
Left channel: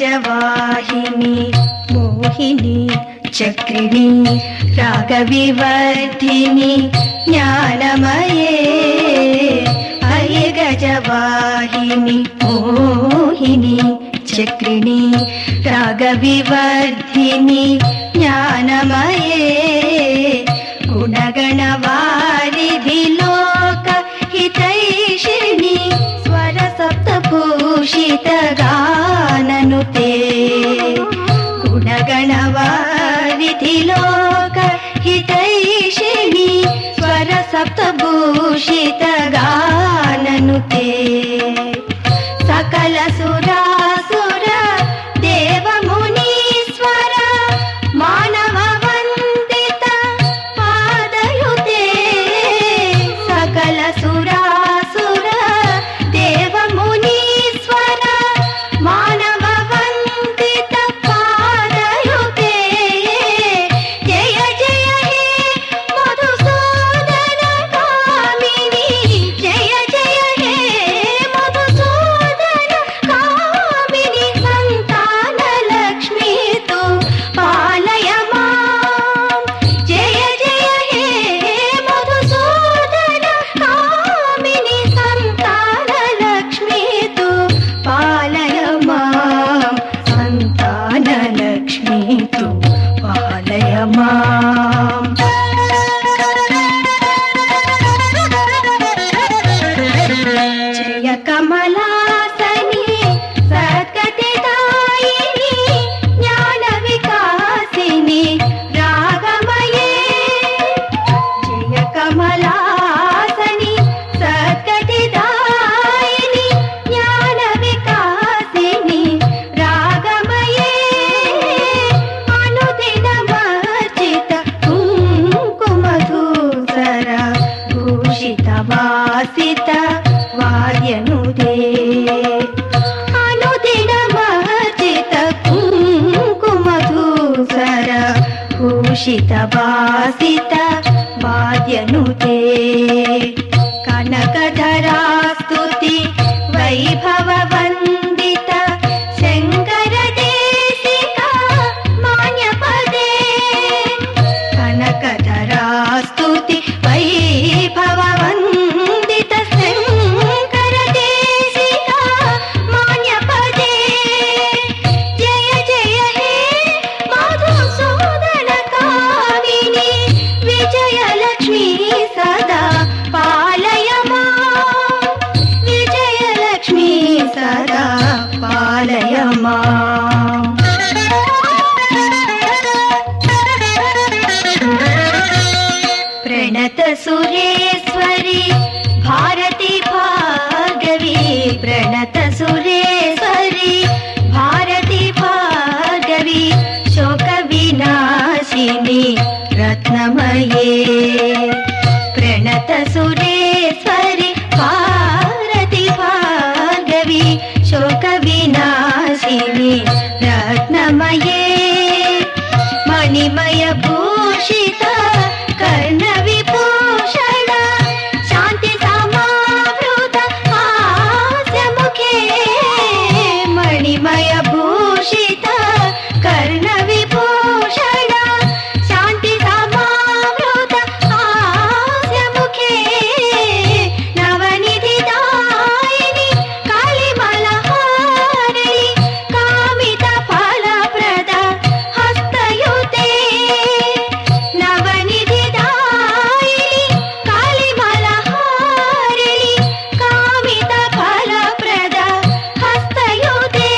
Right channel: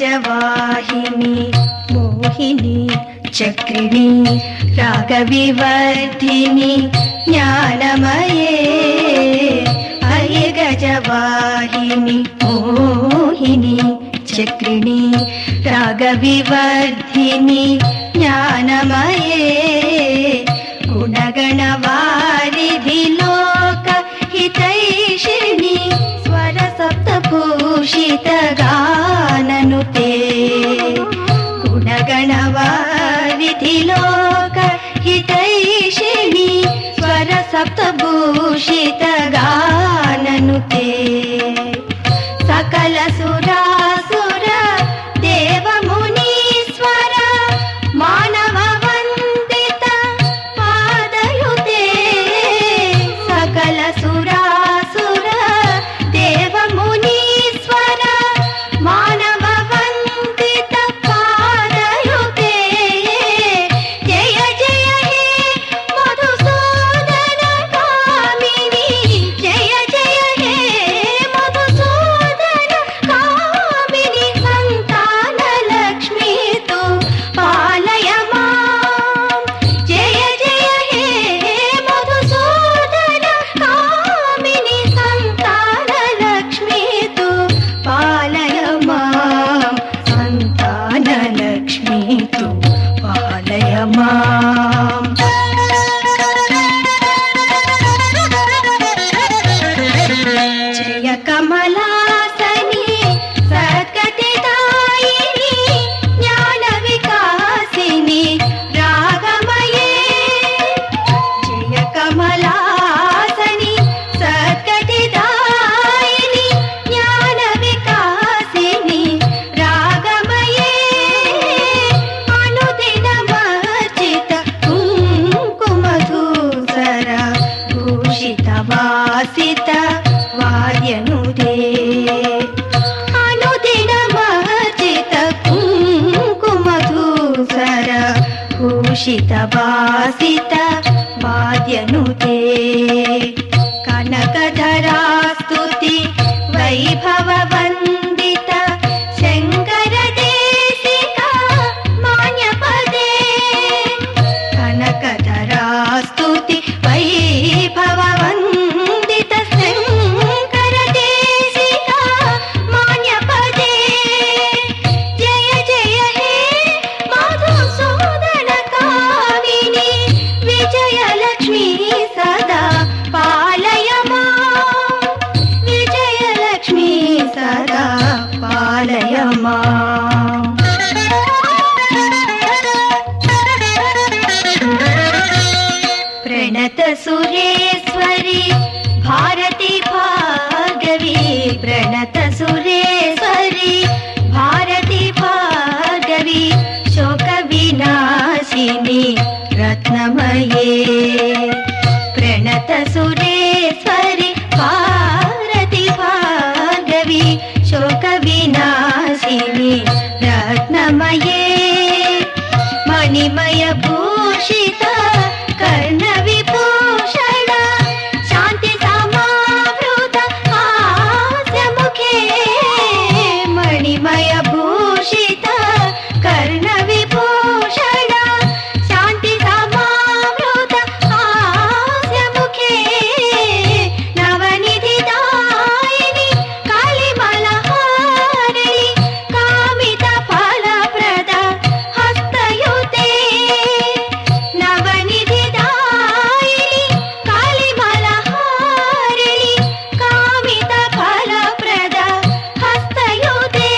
गजवाहिनी मोहिनी चक्रिणी रागविवर्धिनी ज्ञानमये अये गजवाहिनी मोहिनी चक्रिणी रागविवर्धिनी ज्ञानमये गुणगणवारिधि लोक हितैषिणी स्वर सप्तभूषित गाननुते गुणगणवारिधि लोक हितैषिणी स्वर सप्तभूषित गाननुते सकल सुरासुर देव मुनीश्वर मानव वंदित पादयुते सकल सुरासुर देव मुनीश्वर मानव वंदित पादयुते जय जय हे मधुसूदन कामिनी जय जय हे मधुसूदन कामिनी संतान लक्ष्मी तु पालय मां जय जय हे मधुसूदन कामिनी संतान लक्ष्मी तु पालय मां संतान लक्ष्मी तु पालय मां जय कमलासनी सद्गतिदायिनी ज्ञानविकासिनी रागमये जय कमलासनी सद्गतिदायिनी ज्ञानविकासिनी रागमये अनुदिनमर्चित कुङ्कुमधूसर भूषितवासित वाद्यनुते अनुदिनमर्चित कुङ्कुमधूसर भूषितवासित वाद्यनुते कनकधरा स्तुति वैभव वन्दित शङ्कर देशिका मान्यपदे कनकधरा स्तुति वैभव वन्दित शङ्कर देशिका मान्यपदे जय जय हे मधुसूदन कामिनी विजयलक्ष्मी सदा पालय मां विजयलक्ष्मी सदा पालय मां प्रणत सुरेश्वरी भारती भार्गवी प्रणत सुरेश्वरी भारती भार्गवी शोक विनाशिनी रत्नमये प्रणत सुरेश्वरी भारती भार्गवी शोक विनाशिनी रत्नमये मणिमय भूषित कर्ण विभूषण शांति समावृत हास्य मुखे मणिमय भूषित कर्ण विभूषण शांति समावृत हास्य मुखे नवनिधि दायिनी कालिमलहारिणी कामित फलप्रद हस्तयुते नवनिधि दायिनी कालिमलहारिणी कामित फलप्रद हस्तयुते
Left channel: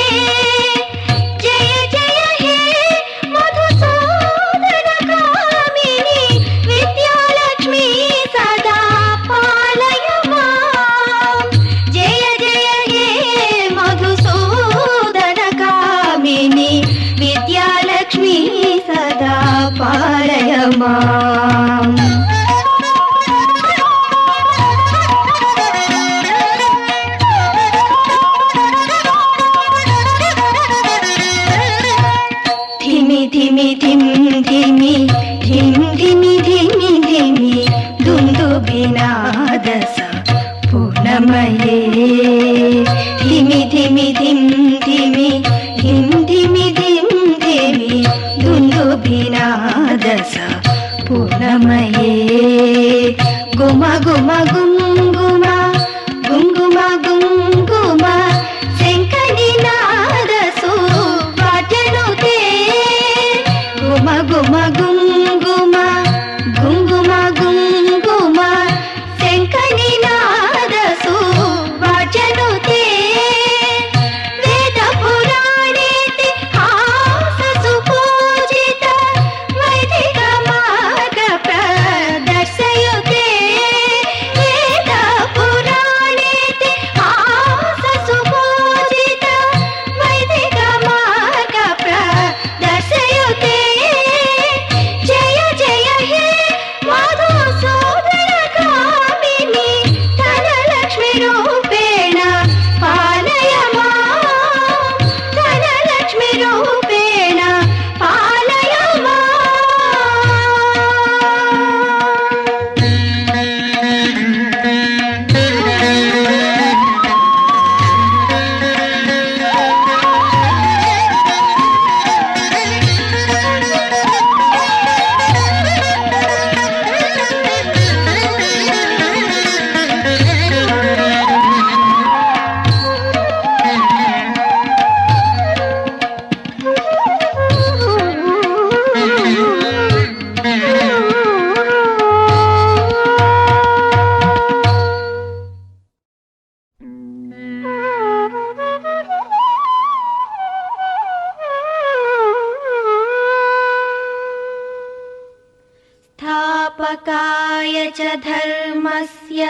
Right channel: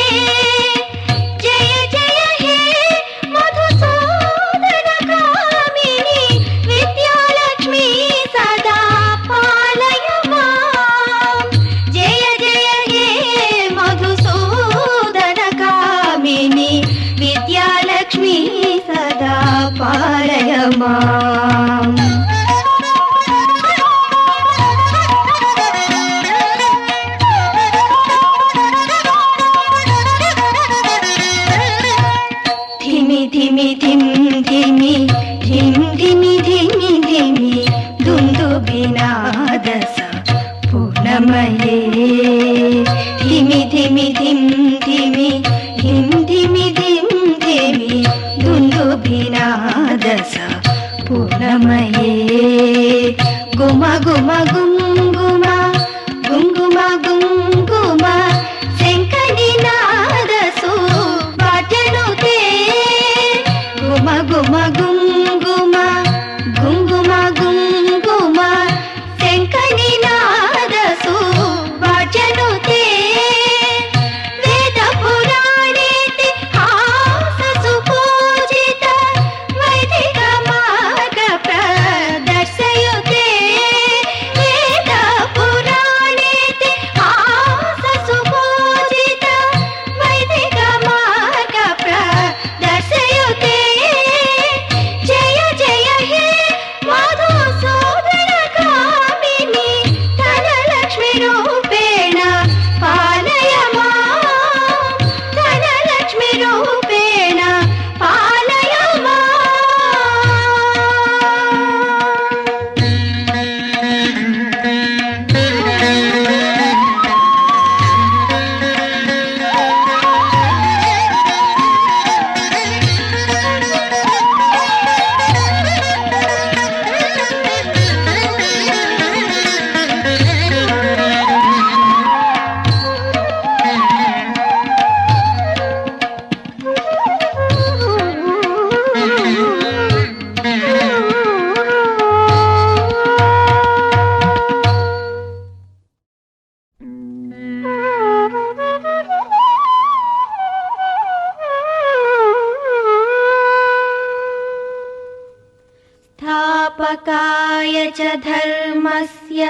स्थापकाय च धर्मस्य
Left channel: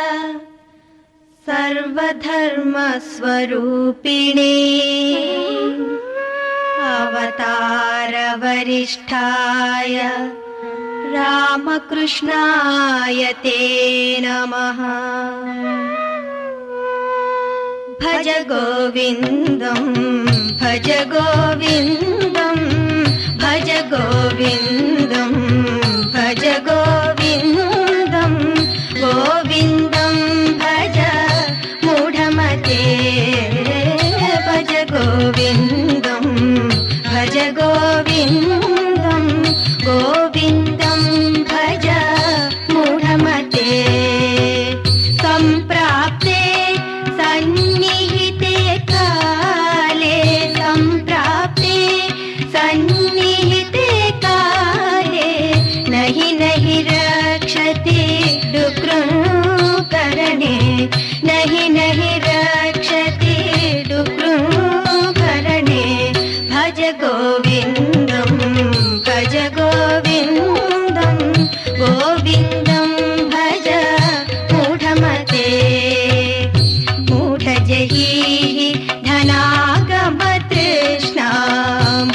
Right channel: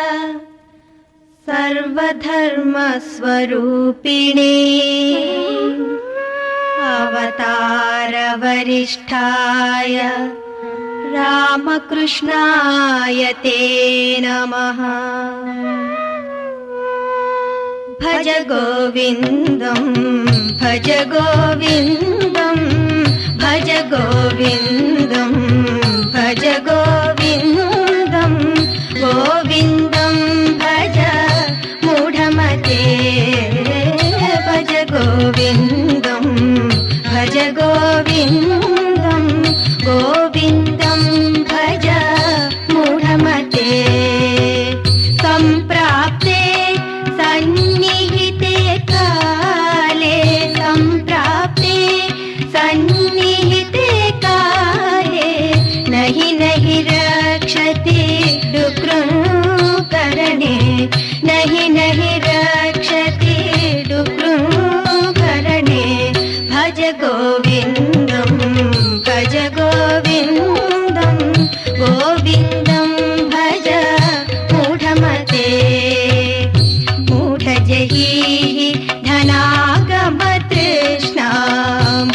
सर्वधर्मस्वरूपिणे अवतारवरिष्ठाय रामकृष्णाय ते नमः। भज गोविन्दम् भज गोविन्दम् भज गोविन्दम् भज गोविन्दम् गोविन्दम् भज मूढमते भज गोविन्दम् भज गोविन्दम् गोविन्दम् भज मूढमते। सम्प्राप्ते सन्निहिते काले सम्प्राप्ते सन्निहिते काले नहि नहि रक्षते डुक्रूकरणे नहि नहि रक्षते डुक्रूकरणे। भज गोविन्दम् भज गोविन्दम् गोविन्दम् भज मूढमते। मूढजहीः धनागमतृष्णा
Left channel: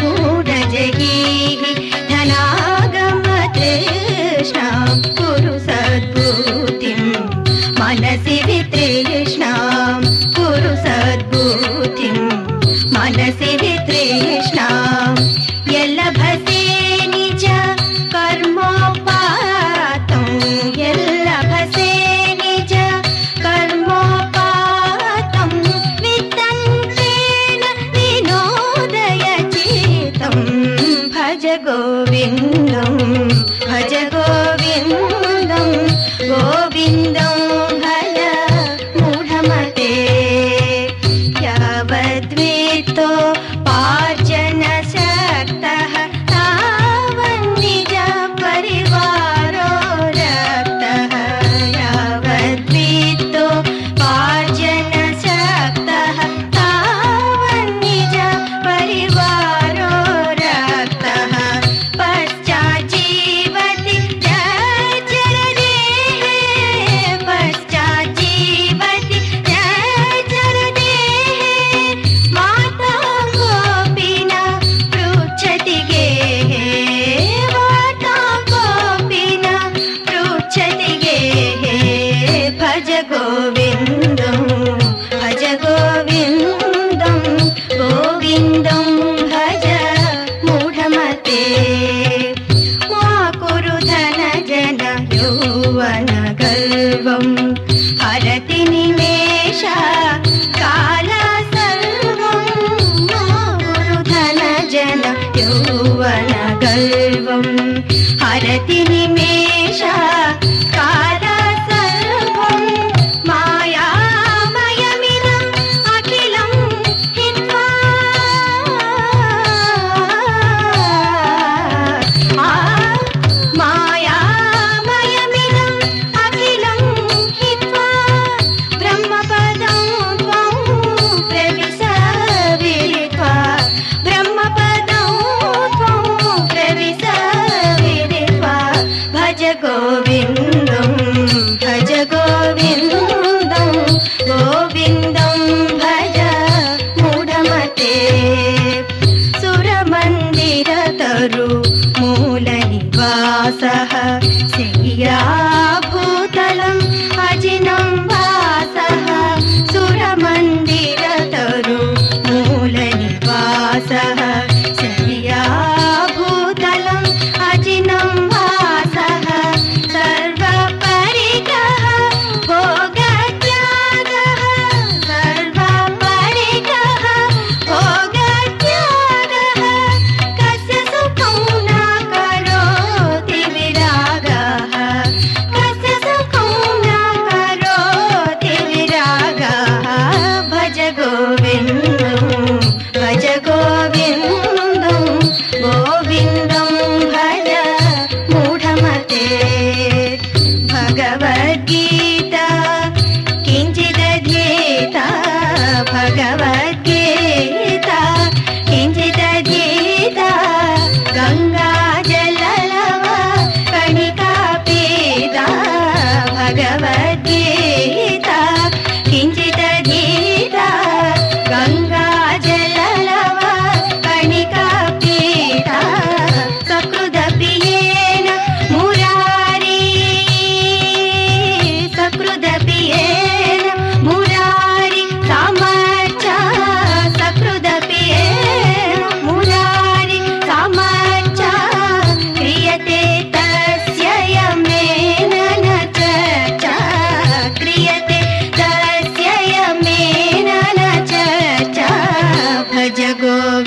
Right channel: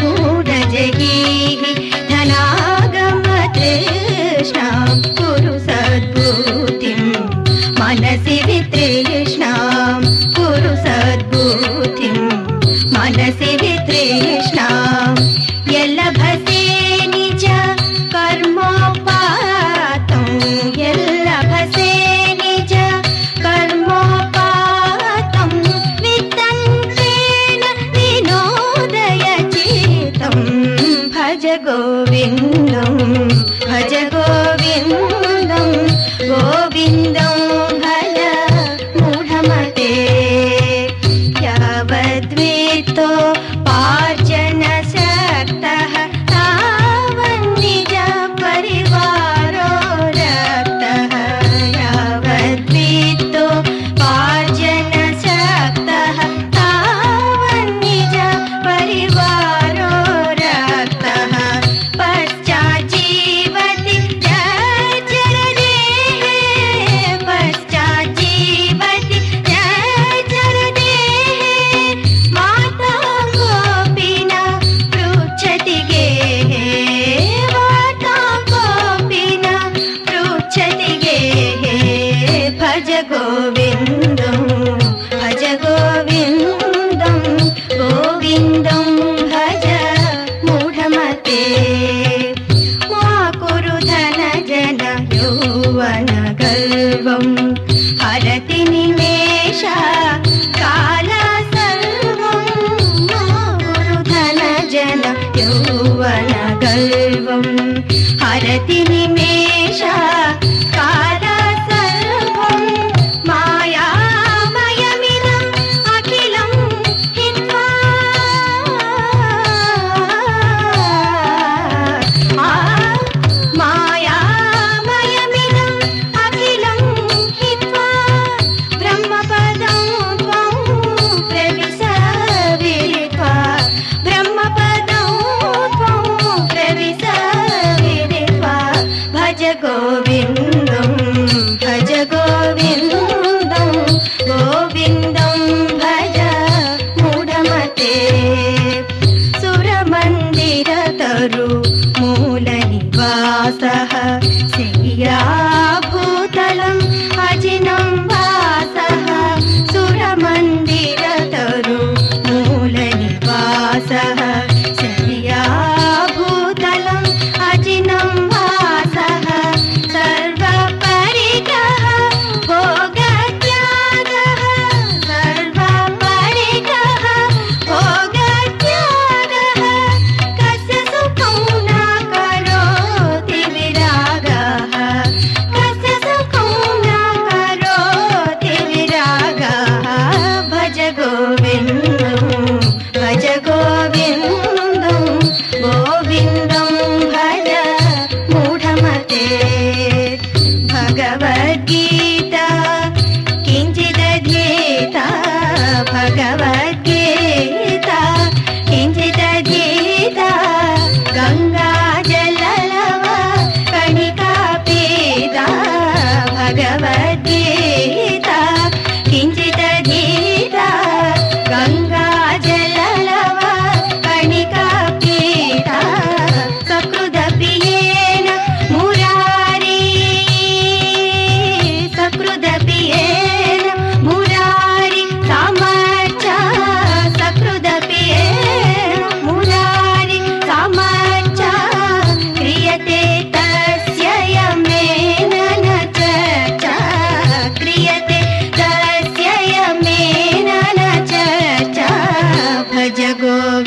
मूढजहीः धनागमतृष्णा कुरु सद्बुद्धिम् मनसि वितृष्णां कुरु सद्बुद्धिम् मनसि वितृष्णाम्। यल्लभसे निज कर्मोपातं यल्लभसे निज कर्मोपातं वितन्त्रेण विनोदय चित्तं। भज गोविन्दम् भज गोविन्दम् गोविन्दम् भज मूढमते। यावद्वेतो पार्जनशक्तः तावन्निज परिवारो रक्तः। यावद्वेतो पार्जनशक्तः तावन्निज परिवारो रक्तः। पश्चाज्जीवति जर्जरदेः पश्चाज्जीवति जर्जरदेः। माता कोऽपि न पृच्छति गेः माता कोऽपि न पृच्छति गेः। भज गोविन्दम् भज गोविन्दम् गोविन्दम् भज मूढमते। मा कुरु धन जन यौवन गर्वम् हरति निमेष काल सर्वम्। मा कुरु धन जन यौवन गर्वम् हरति निमेष काल सर्वम्। मायामयमिदम् अखिलम् हित्वा मायामयमिदम् अखिलम् हित्वा ब्रह्मपदं त्वं प्रविश विदित्वा ब्रह्मपदं त्वं प्रविश विदित्वा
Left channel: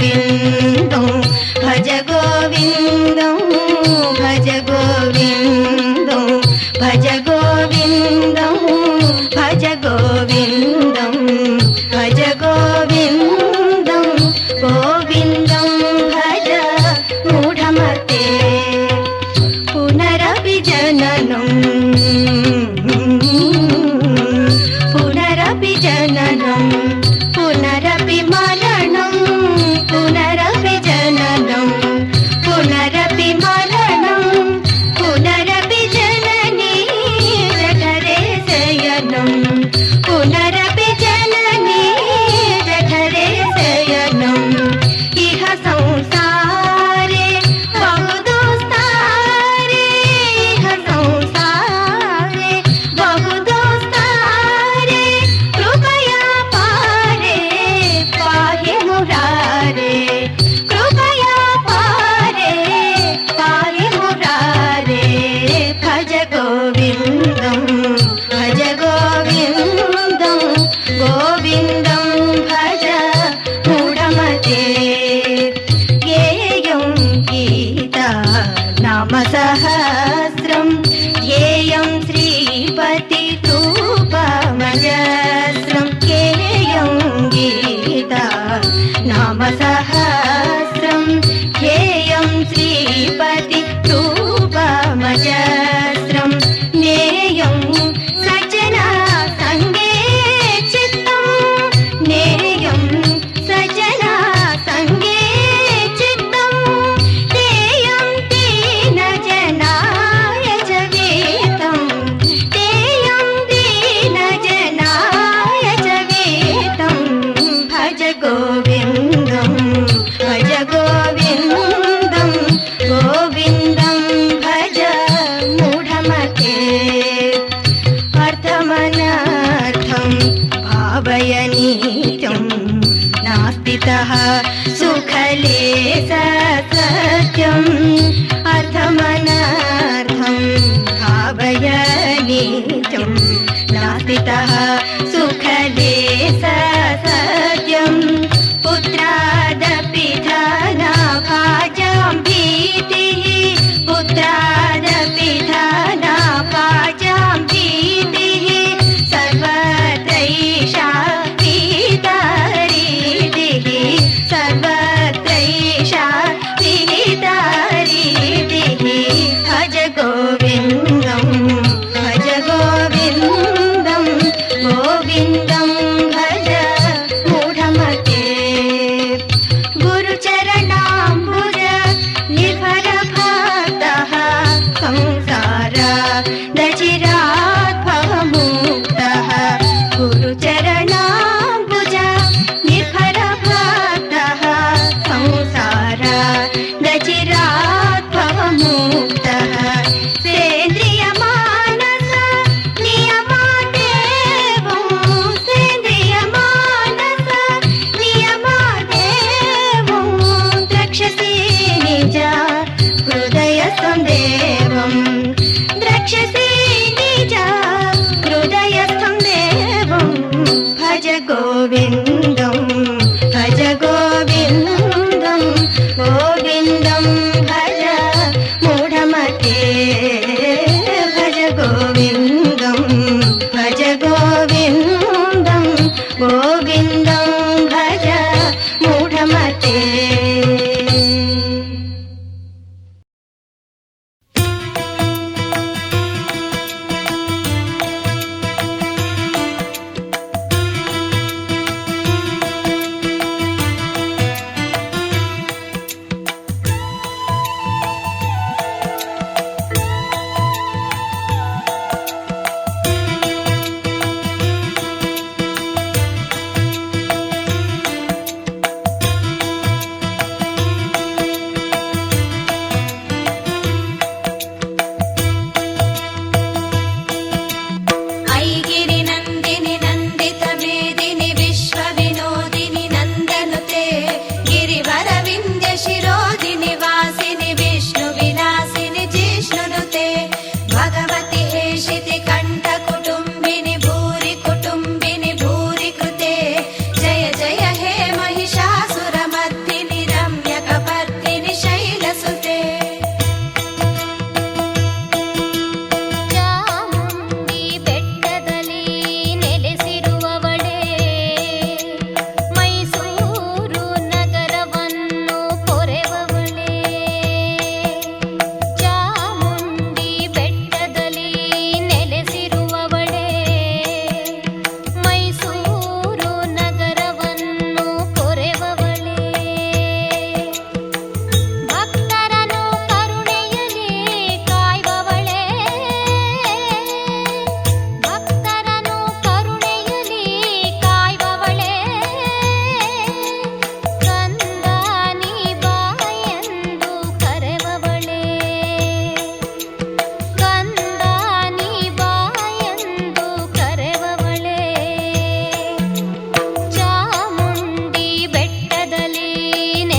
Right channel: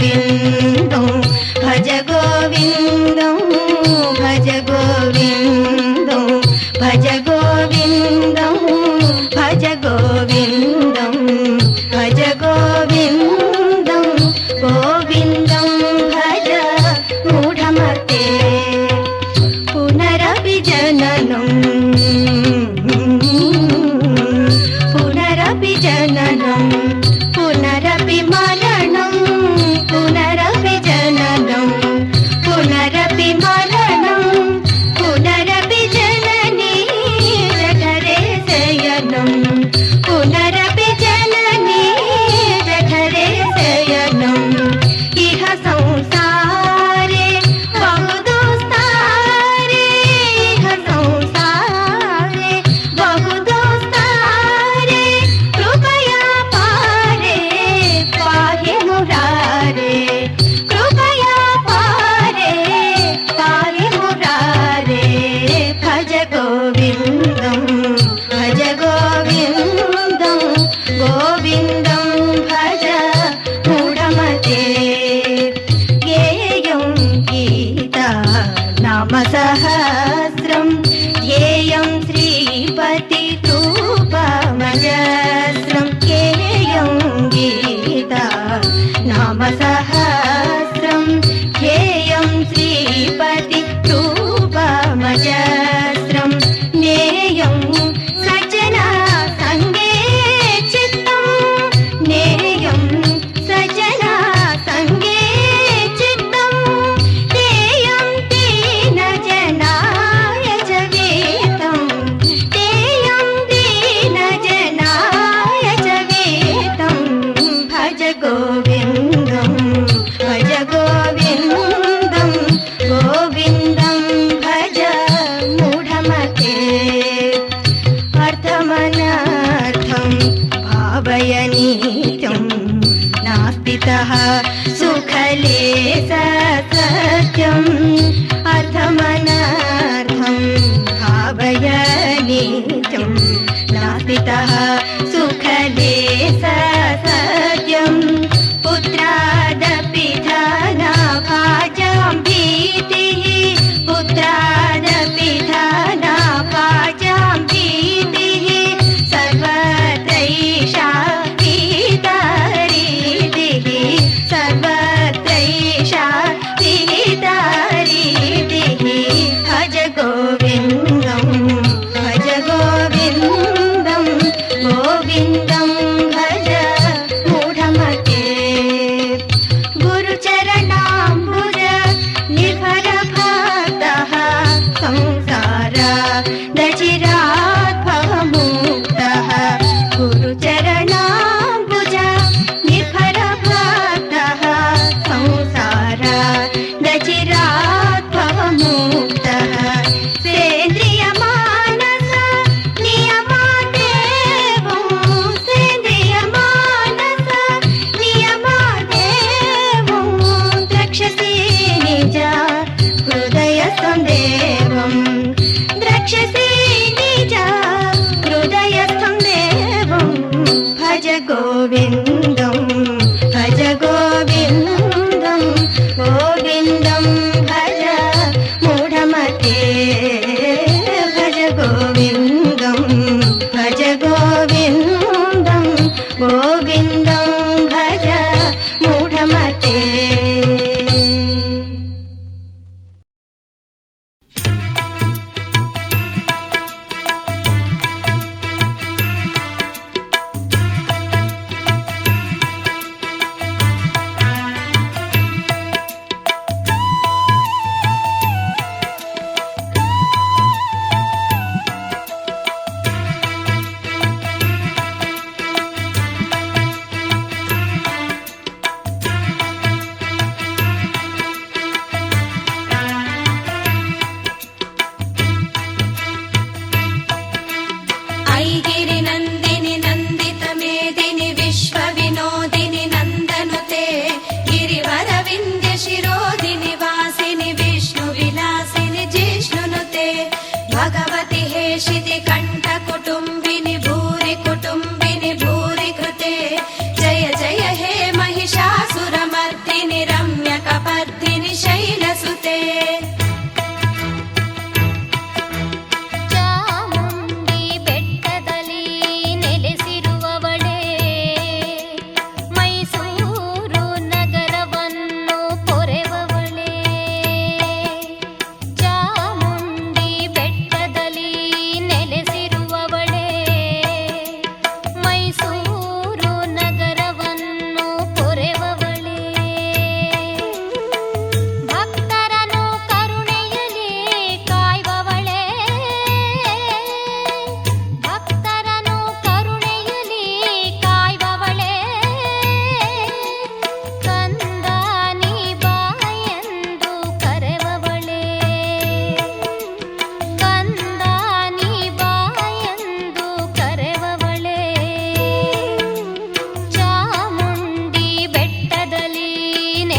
गोविन्दं भज गोविन्दं भज गोविन्दं भज गोविन्दं भज गोविन्दं भज गोविन्दं गोविन्दं भज मूढमते पुनरपि जननं पुनरपि जननं पुनरपि मरणं पुनरपि जननं पुनरपि मरणं पुनरपि जननी जठरे शयनं पुनरपि जननी जठरे शयनं इह संसारे बहु दुस्तारे इह संसारे बहु दुस्तारे कृपया पारे पाहि मुरारे कृपया पारे पाहि मुरारे भज गोविन्दं भज गोविन्दं गोविन्दं भज मूढमते ध्येयं गीता नाम सहस्रं ध्येयं श्रीपति रूपमजस्रं ध्येयं गीता नाम सहस्रं ध्येयं श्रीपति रूपमजस्रं ज्ञेयं सजना सङ्गे चित्तं ज्ञेयं सजना सङ्गे चित्तं तेयं दीनजनाय च गीतं तेयं दीनजनाय च गीतं भज गोविन्दं भज गोविन्दं गोविन्दं भज मूढमते अर्थमनर्थं भावयनीतं नास्तितः सुखले सत्यम् अर्थमनर्थं भावयनीतं नास्तितः सुखले सत्यम् पुत्रादपि धनाभाजां भीतिः पुत्रादपि धनाभाजां भीतिः सर्वत्रैषा विहितरीतिः सर्वत्रैषा विहितरीतिः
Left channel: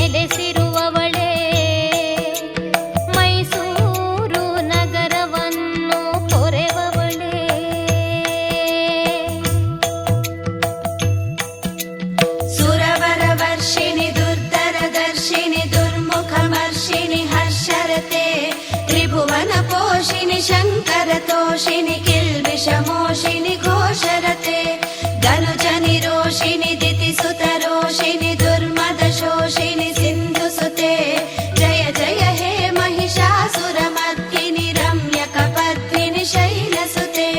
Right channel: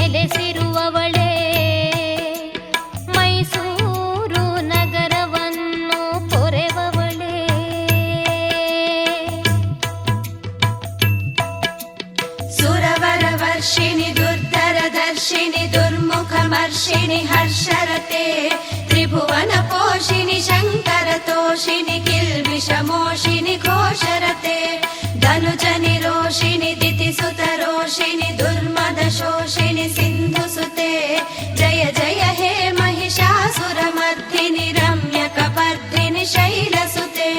ನೆಲೆಸಿರುವವಳೇ ಮೈಸೂರು ನಗರವನ್ನು ಪೊರೆವವಳೇ ಸುರವರವರ್ಷಿಣಿ ದುರ್ಧರದರ್ಶಿನಿ ದುರ್ಮುಖಮರ್ಷಿಣಿ ಹರ್ಷರತೆ ತ್ರಿಭುವನ ಪೋಷಿಣಿ ಶಂಕರ ತೋಷಿಣಿ ಕಿಲ್ಬಿಷಮೋಷಿಣಿ ಘೋಷರತೆ ಧನುಜ ನಿರೋಷಿಣಿ ದಿತಿಸುತ ರೋಷಿಣಿ ದುರ್ಮದ ಶೋಷಿಣಿ ಸಿಂಧುಸುತೆ ಜಯ ಜಯ ಹೇ ಮಹಿಷಾಸುರ ಮರ್ದಿನಿ ರಮ್ಯ ಕಪರ್ದಿನಿ ಶೈಲಸುತೆ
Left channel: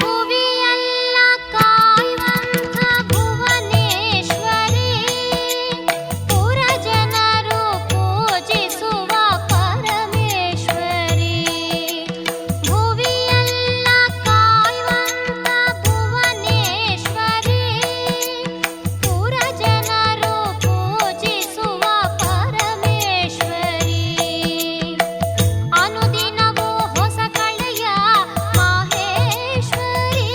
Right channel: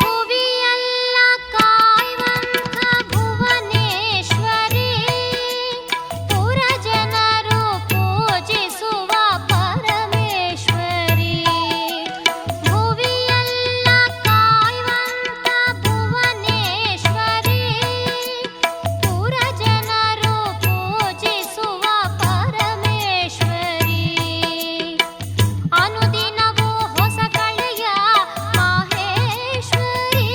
ಭುವಿಯಲ್ಲ ಕಾಯುವಂಥ ಭುವನೇಶ್ವರಿ ಪುರಜನರು ಪೂಜಿಸುವ ಪರಮೇಶ್ವರಿ ಭುವಿಯಲ್ಲ ಕಾಯುವಂಥ ಭುವನೇಶ್ವರಿ ಪುರಜನರು ಪೂಜಿಸುವ ಪರಮೇಶ್ವರಿ ಅನುದಿನವೂ ಹೊಸ ಕಳೆಯ ಮಾಹೇಶ್ವರಿ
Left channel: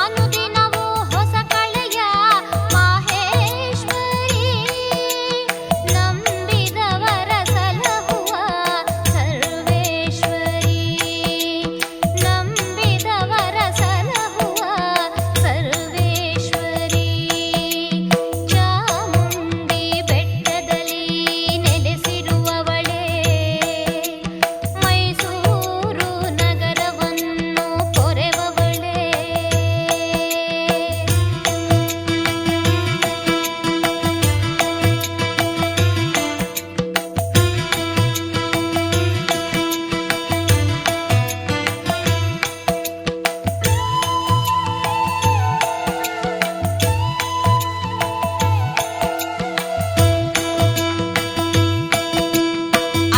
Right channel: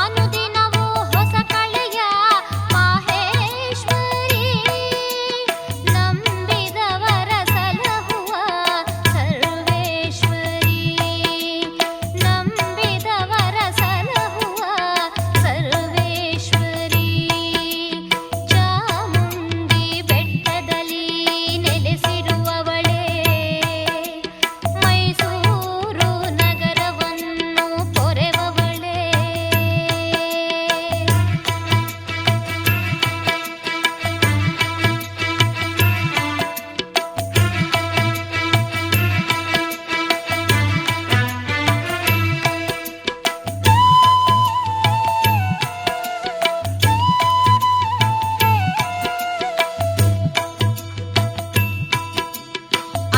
ಅನುದಿನವೂ ಹೊಸ ಕಳೆಯ ಮಾಹೇಶ್ವರಿ ನಂಬಿದವರ ಸಲಹುವ ಸರ್ವೇಶ್ವರಿ ನಂಬಿದವರ ಸಲಹುವ ಸರ್ವೇಶ್ವರಿ ಚಾಮುಂಡಿ ಬೆಟ್ಟದಲ್ಲಿ ನೆಲೆಸಿರುವವಳೇ ಮೈಸೂರು ನಗರವನ್ನು ಪೊರೆವವಳೇ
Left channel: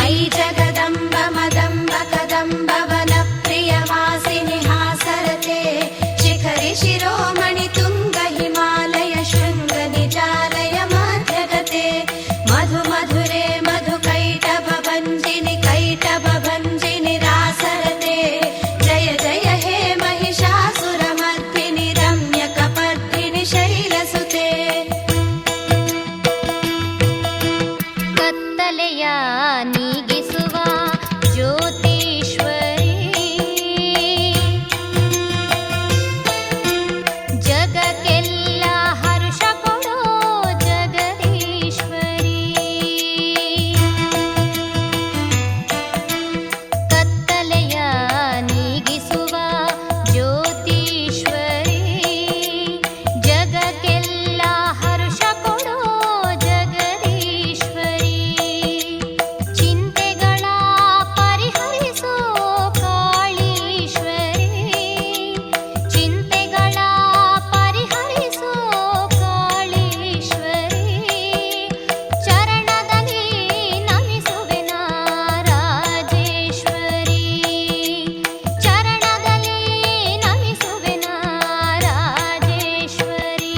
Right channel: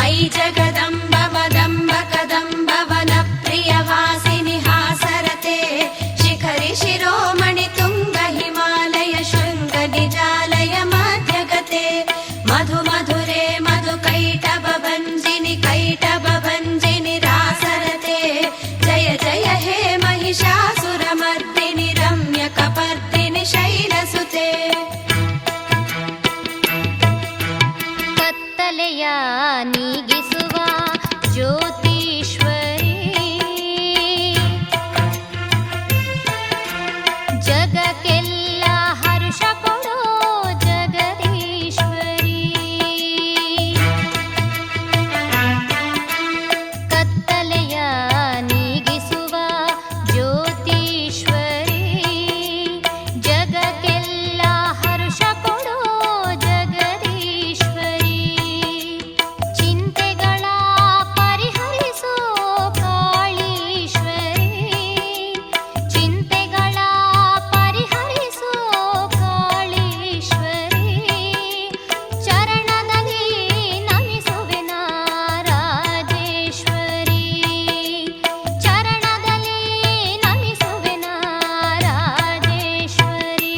ಐ ಜಗದಂಬ ಮದಂಬ ಕದಂಬ ವನ ಪ್ರಿಯ ವಾಸಿನಿ ಹಾಸರತೆ ಶಿಖರಿ ಶಿರೋಮಣಿ ತುಂಗ ಹಿಮಾಲಯ ಶೃಂಗ ನಿಜಾಲಯ ಮಾಧ್ಯಗತೆ ಮಧು ಮಧುರೆ ಮಧು ಕೈಟಭ ಭಂಜಿನಿ ರಾಸರತೆ ಜಯ ಜಯ ಹೇ ಮಹಿಷಾಸುರ ಮರ್ದಿನಿ ರಮ್ಯ ಕಪರ್ದಿನಿ ಶೈಲಸುತೆ ಕತ್ತಲೆಯ ನೀಗಿಸುವ ಜ್ಯೋತೀಶ್ವರಿ ಜಗಕ್ಕೆಲ್ಲ ಹರ್ಷ ಕೊಡೋ ಜಗದೀಶ್ವರಿ ಕತ್ತಲೆಯ ನೀಗಿಸುವ ಜ್ಯೋತೀಶ್ವರಿ ಜಗಕ್ಕೆಲ್ಲ ಹರ್ಷ ಕೊಡೋ ಜಗದೀಶ್ವರಿ ಚಿಂತೆಗಳ ಪರಿಹರಿಸೋ ಕಾಳೀಶ್ವರಿ ಚಿಂತೆಗಳ ಪರಿಹರಿಸೋ ಕಾಳೀಶ್ವರಿ ಚರಣದಲ್ಲಿ ನಮಿಸುವೆನ ರಾಜೇಶ್ವರಿ ಚರಣದಲ್ಲಿ ನಮಿಸುವೆನ ರಾಜೇಶ್ವರಿ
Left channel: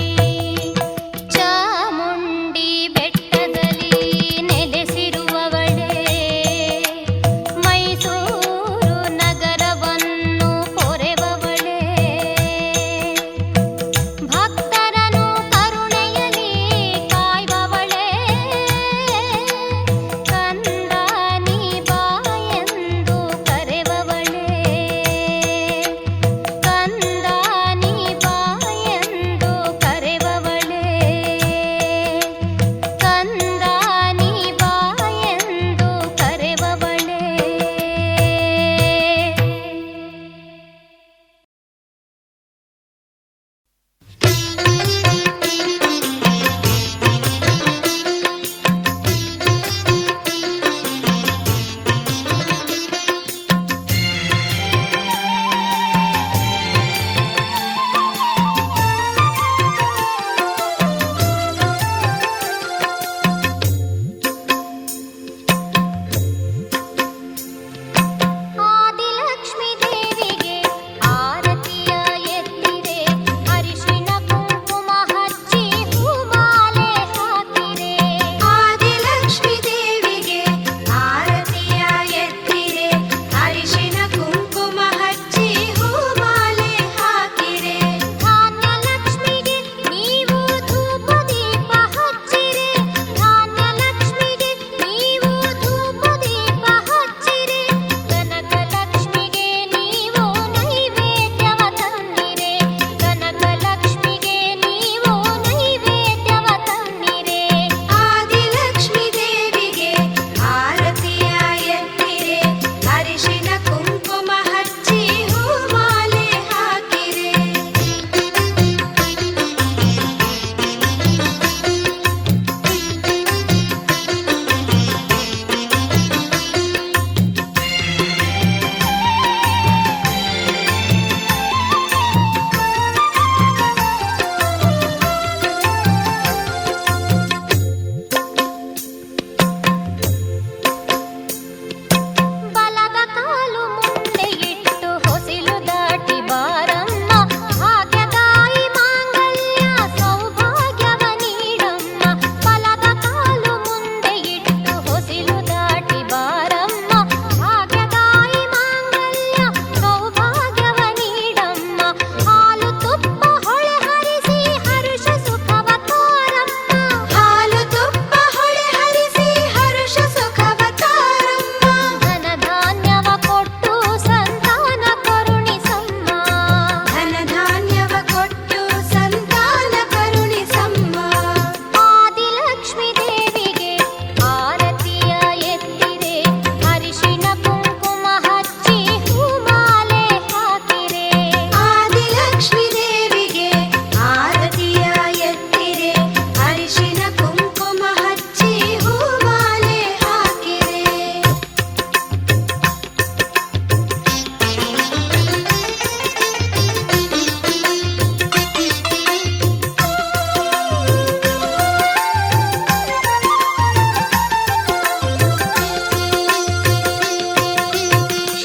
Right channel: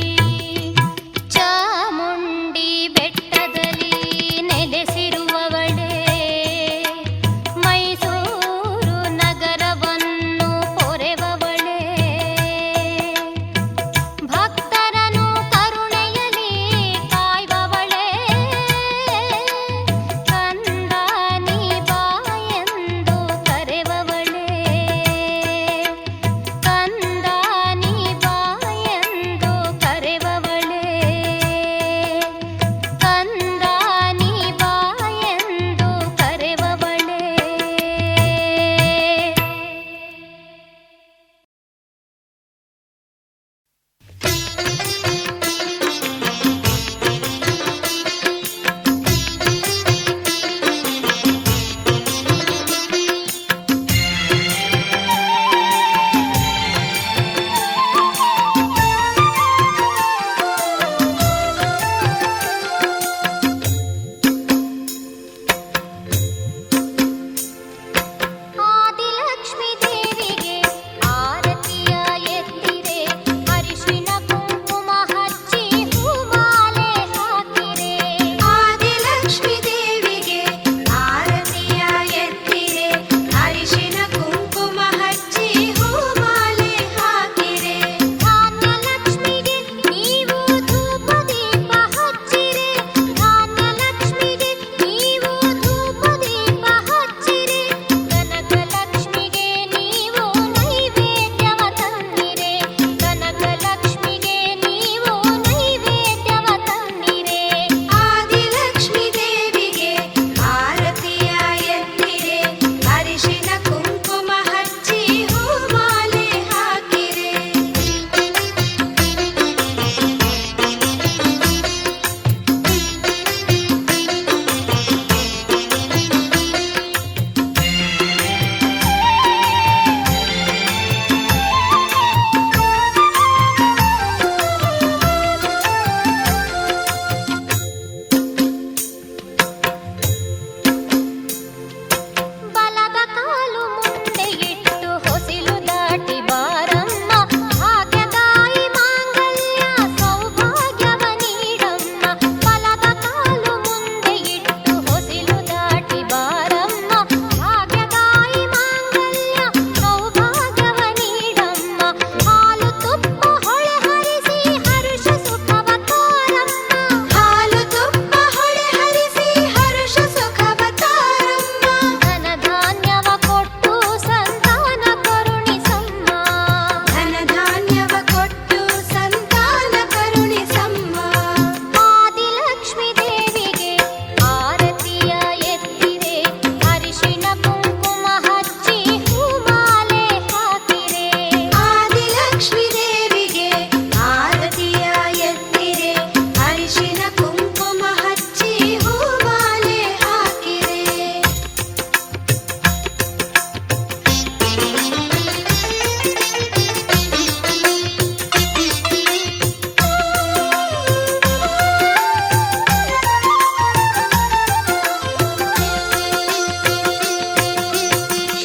ಅರಿಶಿನ ಕುಂಕುಮ ಹಚ್ಚಿ ಹೂಮಾಲೆ ಹಾಕಿರೆ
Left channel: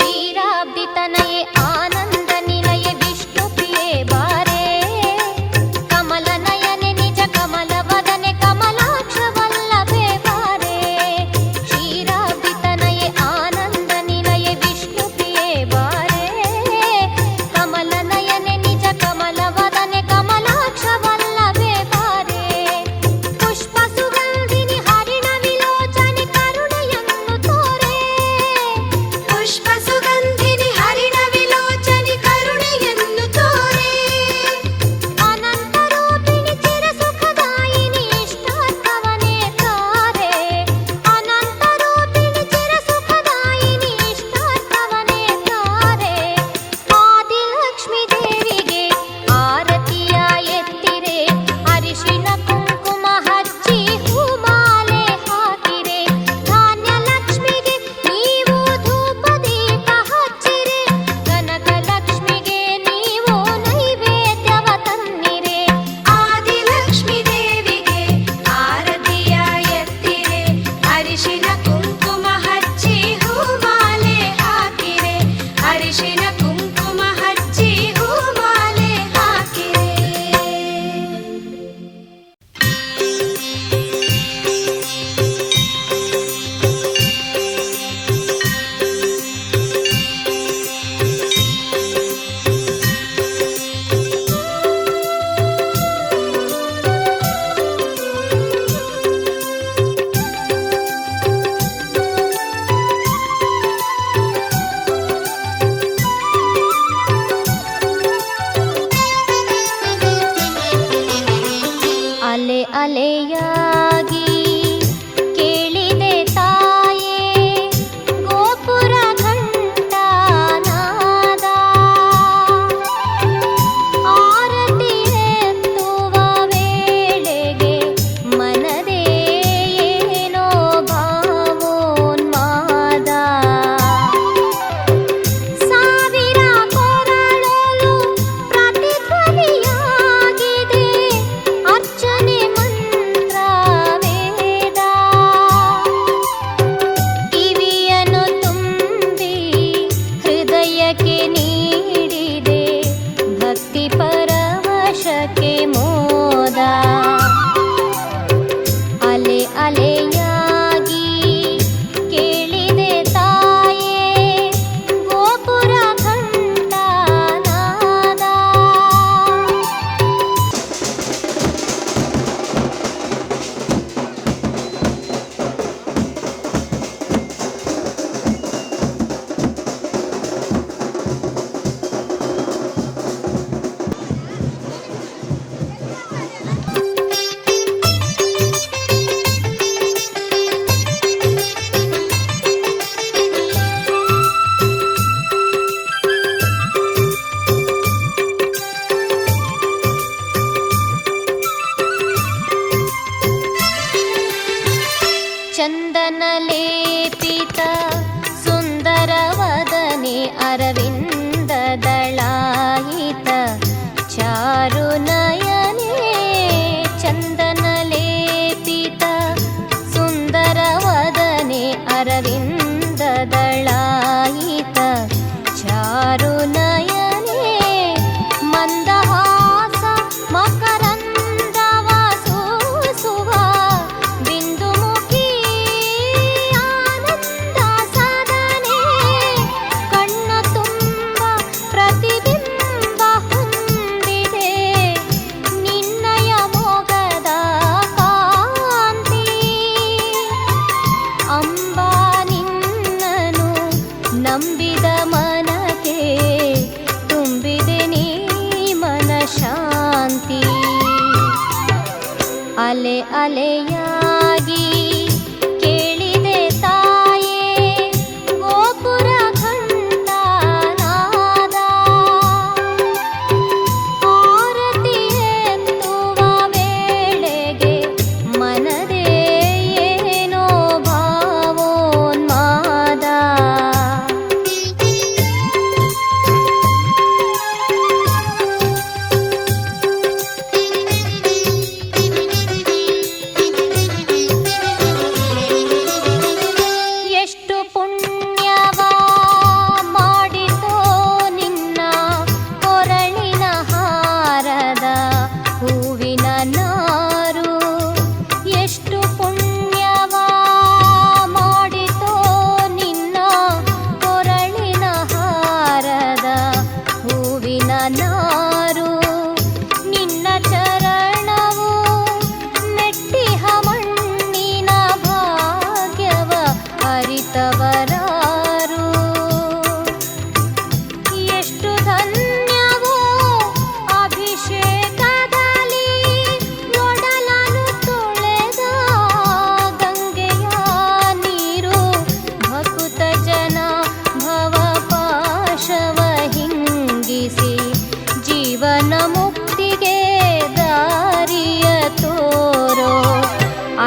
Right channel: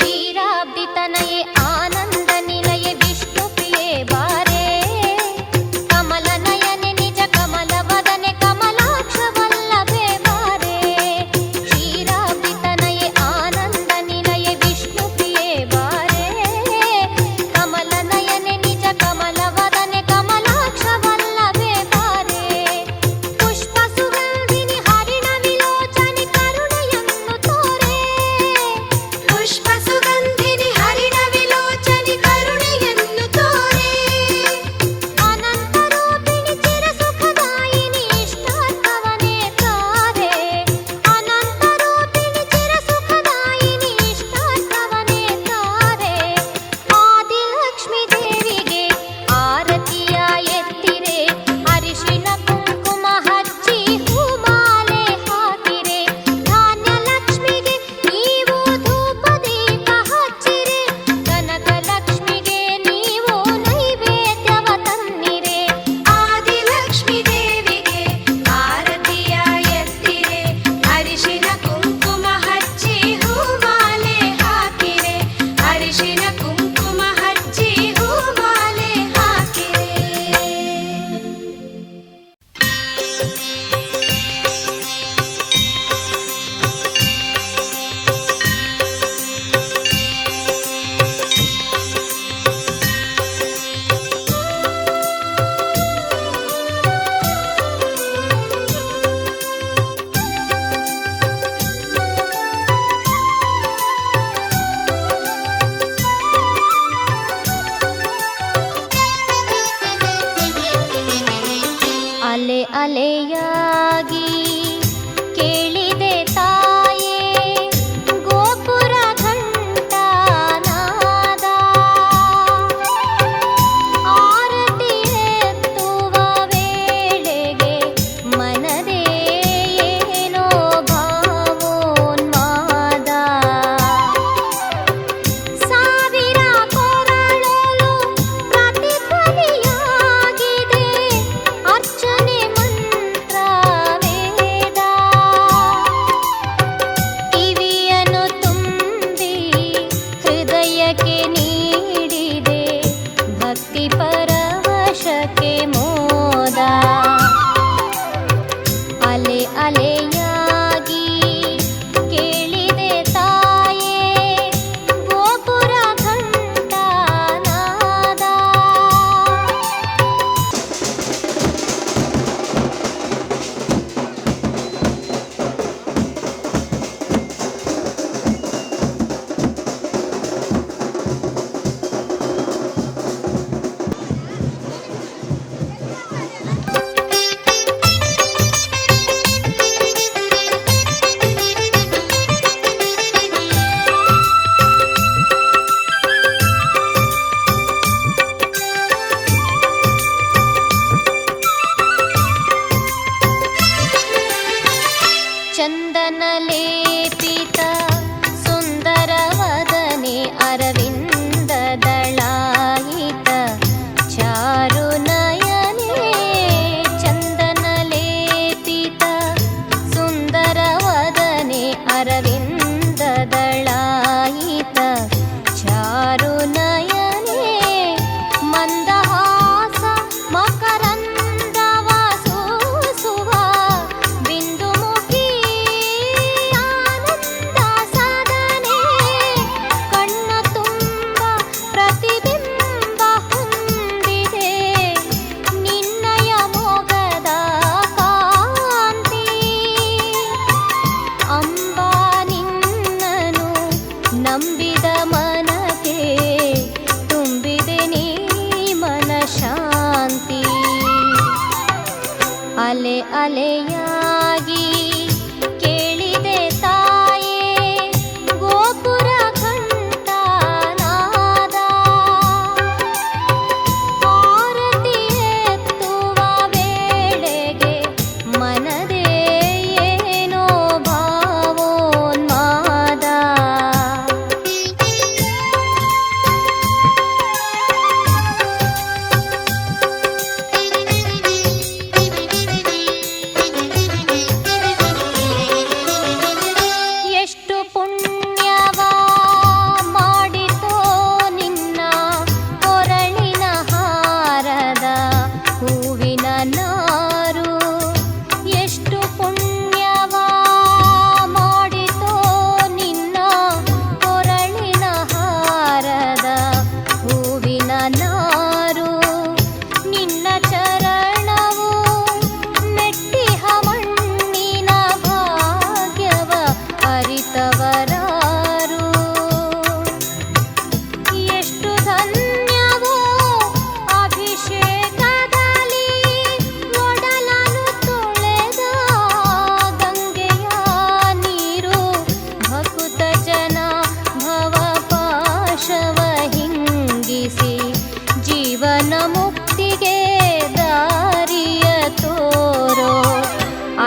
ಕ್ಷೀರಾಬ್ಧಿತನಯೇ ಆನಂದ ನಿಲಯೇ ವಿಷ್ಣು ಪ್ರಿಯೇ ಬಾರೆ ಕಮಲ ನಯನೆ ನಿಜ ಕಮಲ ವದನೆ ಕಮಲಾಕ್ಷ ವಲ್ಲಭೆ ಬಾರೆ ಕ್ಷೀರಾಬ್ಧಿತನಯೇ ಆನಂದ ನಿಲಯೇ ವಿಷ್ಣು ಪ್ರಿಯೇ ಬಾರೆ ಕಮಲ ನಯನೆ ನಿಜ ಕಮಲ ವದನೆ ಕಮಲಾಕ್ಷ ವಲ್ಲಭೆ ಬಾರೆ ಪುಷ್ಪ ಸುಗಂಧಿನಿ ಹರಿಣ ವಿಲೋಚನೆ ಕರುಣೆಯನ್ನು ತೋರೆ ಪುಷ್ಪ ಸುಗಂಧಿನಿ ಹರಿಣ ವಿಲೋಚನಿ ಕರುಣೆಯನ್ನು ತೋರೆ ಅನಂತ ರೂಪಿಣಿ ಚಿರ ಸುಖದಾಯಿನಿ ಇಷ್ಟಾರ್ಥವನೇ ತಾರೆ ಅನಂತ ರೂಪಿಣಿ ಚಿರ ಸುಖದಾಯಿನಿ ಇಷ್ಟಾರ್ಥವನೇ ತಾರೆ ಆದಿಲಕ್ಷ್ಮೀ ದೇವಿಗೆ ಆರತಿಯ ಎತ್ತಿರೆ ಅರಿಶಿನ ಕುಂಕುಮ ಹಚ್ಚಿ ಹೂಮಾಲೆ ಹಾಕಿರೆ ಧಾನ್ಯ ಲಕ್ಷ್ಮಿಗೆ ನೀವು ಧೂಪ ದೀಪ ಹಚ್ಚಿರೆ ಕನಕ ಲಕ್ಷ್ಮಿಗೆ ನೀವು ನೈವೇದ್ಯವ ತನ್ನಿರೆ ಆದಿಲಕ್ಷ್ಮೀ ದೇವಿಗೆ ಆರತಿಯ ಎತ್ತಿರೆ ಅರಿಶಿನ ಕುಂಕುಮ ಹಚ್ಚಿ ಹೂಮಾಲೆ ಹಾಕಿರೆ ಅರಿಶಿನ ಕುಂಕುಮ ಹಚ್ಚಿ ಹೂಮಾಲೆ ಹಾಕಿರೆ ಅಲೆ ಅಲೆಯಾಗಿ ಕೇಳಿದೆ ತಾಯೇ ಗೋಪುರ ಘಂಟಾನಾದ ಆರತಿ ಎತ್ತುವ ವೇಳೆಗೆ ಮನದೇ ಏನೋ ಭಾವೋನ್ಮಾದ ಸಾವಿರ ಕೊರಳಲು ಪ್ರತಿಧ್ವನಿಯಾಗಿದೆ ಅರ್ಚನೆ ಮಂತ್ರ ವೇದ ಕಿವಿಯನ್ನು ತುಂಬಿ ಹೃದಯಕ್ಕೆ ನೀಡಿದೆ ಭಕ್ತಿ ಪರವಶಕ್ಕೆ ಮೋದ ಅಲೆ ಅಲೆಯಾಗಿ ಕೇಳಿದೆ ತಾಯೇ ಗೋಪುರ ಘಂಟಾನಾದ ಚಂದನ ಲೇಪಿತ ಸುಂದರ ವದನೆ ಅರವಿಂದ ದಳಾಯಿತ ಚಾರು ನಯನೆ ಚಂದನ ಲೇಪಿತ ಸುಂದರ ವದನೆ ಅರವಿಂದ ದಳಾಯಿತ ಚಾರು ನಯನೆ ಮಂದಹಾಸ ಮಕರಂದವ ಸೂಸುವ ಬಿಂದುಮುಖಿ ಆನಂದ ಸದನೆ ಕಣ್ಣ ತುಂಬ ಪ್ರತಿಬಿಂಬ ಹೊಂದಿದೆ ನಿನ್ನಯ ಮೊಗದ ಕಾಂತಿ ಅಂಬಾ ನಿನ್ನನು ನಂಬಿದ ಮನಕ್ಕೆ ತುಂಬಿದೆ ನೀ ಮನ ಶಾಂತಿ ಅಲೆ ಅಲೆಯಾಗಿ ಕೇಳಿದೆ ತಾಯೇ ಗೋಪುರ ಘಂಟಾನಾದ ಆರತಿ ಎತ್ತುವ ವೇಳೆಗೆ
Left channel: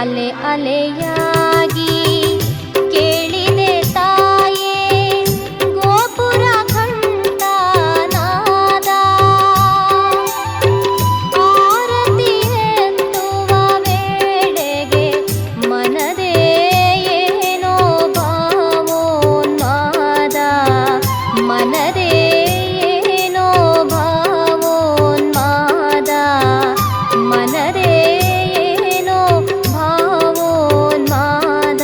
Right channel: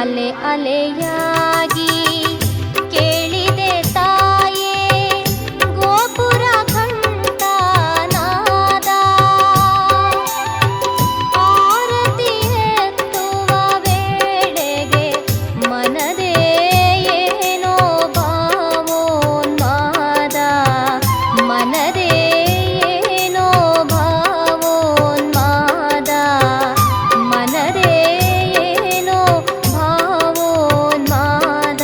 ಅಲೆ ಅಲೆಯಾಗಿ ಕೇಳಿದೆ ತಾಯೇ ಗೋಪುರ ಘಂಟಾನಾದ. ಆರತಿ ಎತ್ತುವ ವೇಳೆಗೆ ಮನದೇ ಏನೋ ಭಾವೋನ್ಮಾದ, ಮನದೇ ಏನೋ ಭಾವೋನ್ಮಾದ, ಮನದೇ ಏನೋ ಭಾವೋನ್ಮಾದ.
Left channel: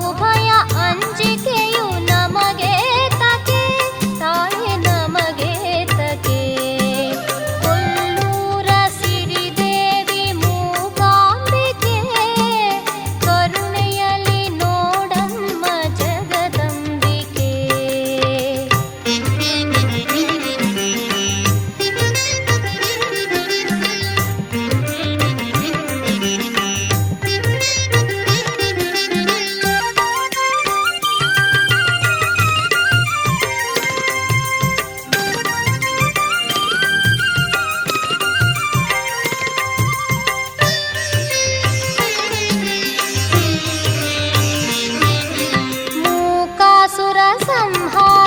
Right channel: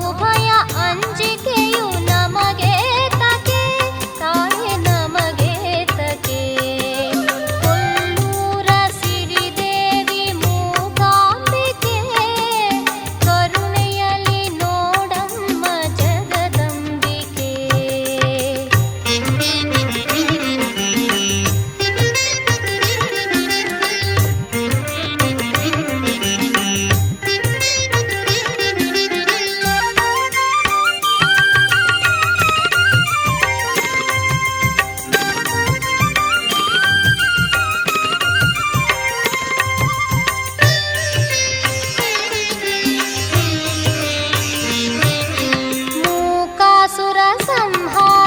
ಬಹುಭಯ ಅಂಜಿಕೆಯು ನಮಗೆ ತಕೆ ತಾಯಿ ನಮಗೆ ತಕೆ ಕೊಲ್ಲೂರ ಸಿರಿದೇವಿ ಮೂಕಾಂಬಿಕೆ ಕರುಣೆಯಲ್ಲಿ ನೋಡಮ್ಮ ಜಗದಂಬಿಕೆ ಮೂಕಾಸುರ ಸಂಹಾರ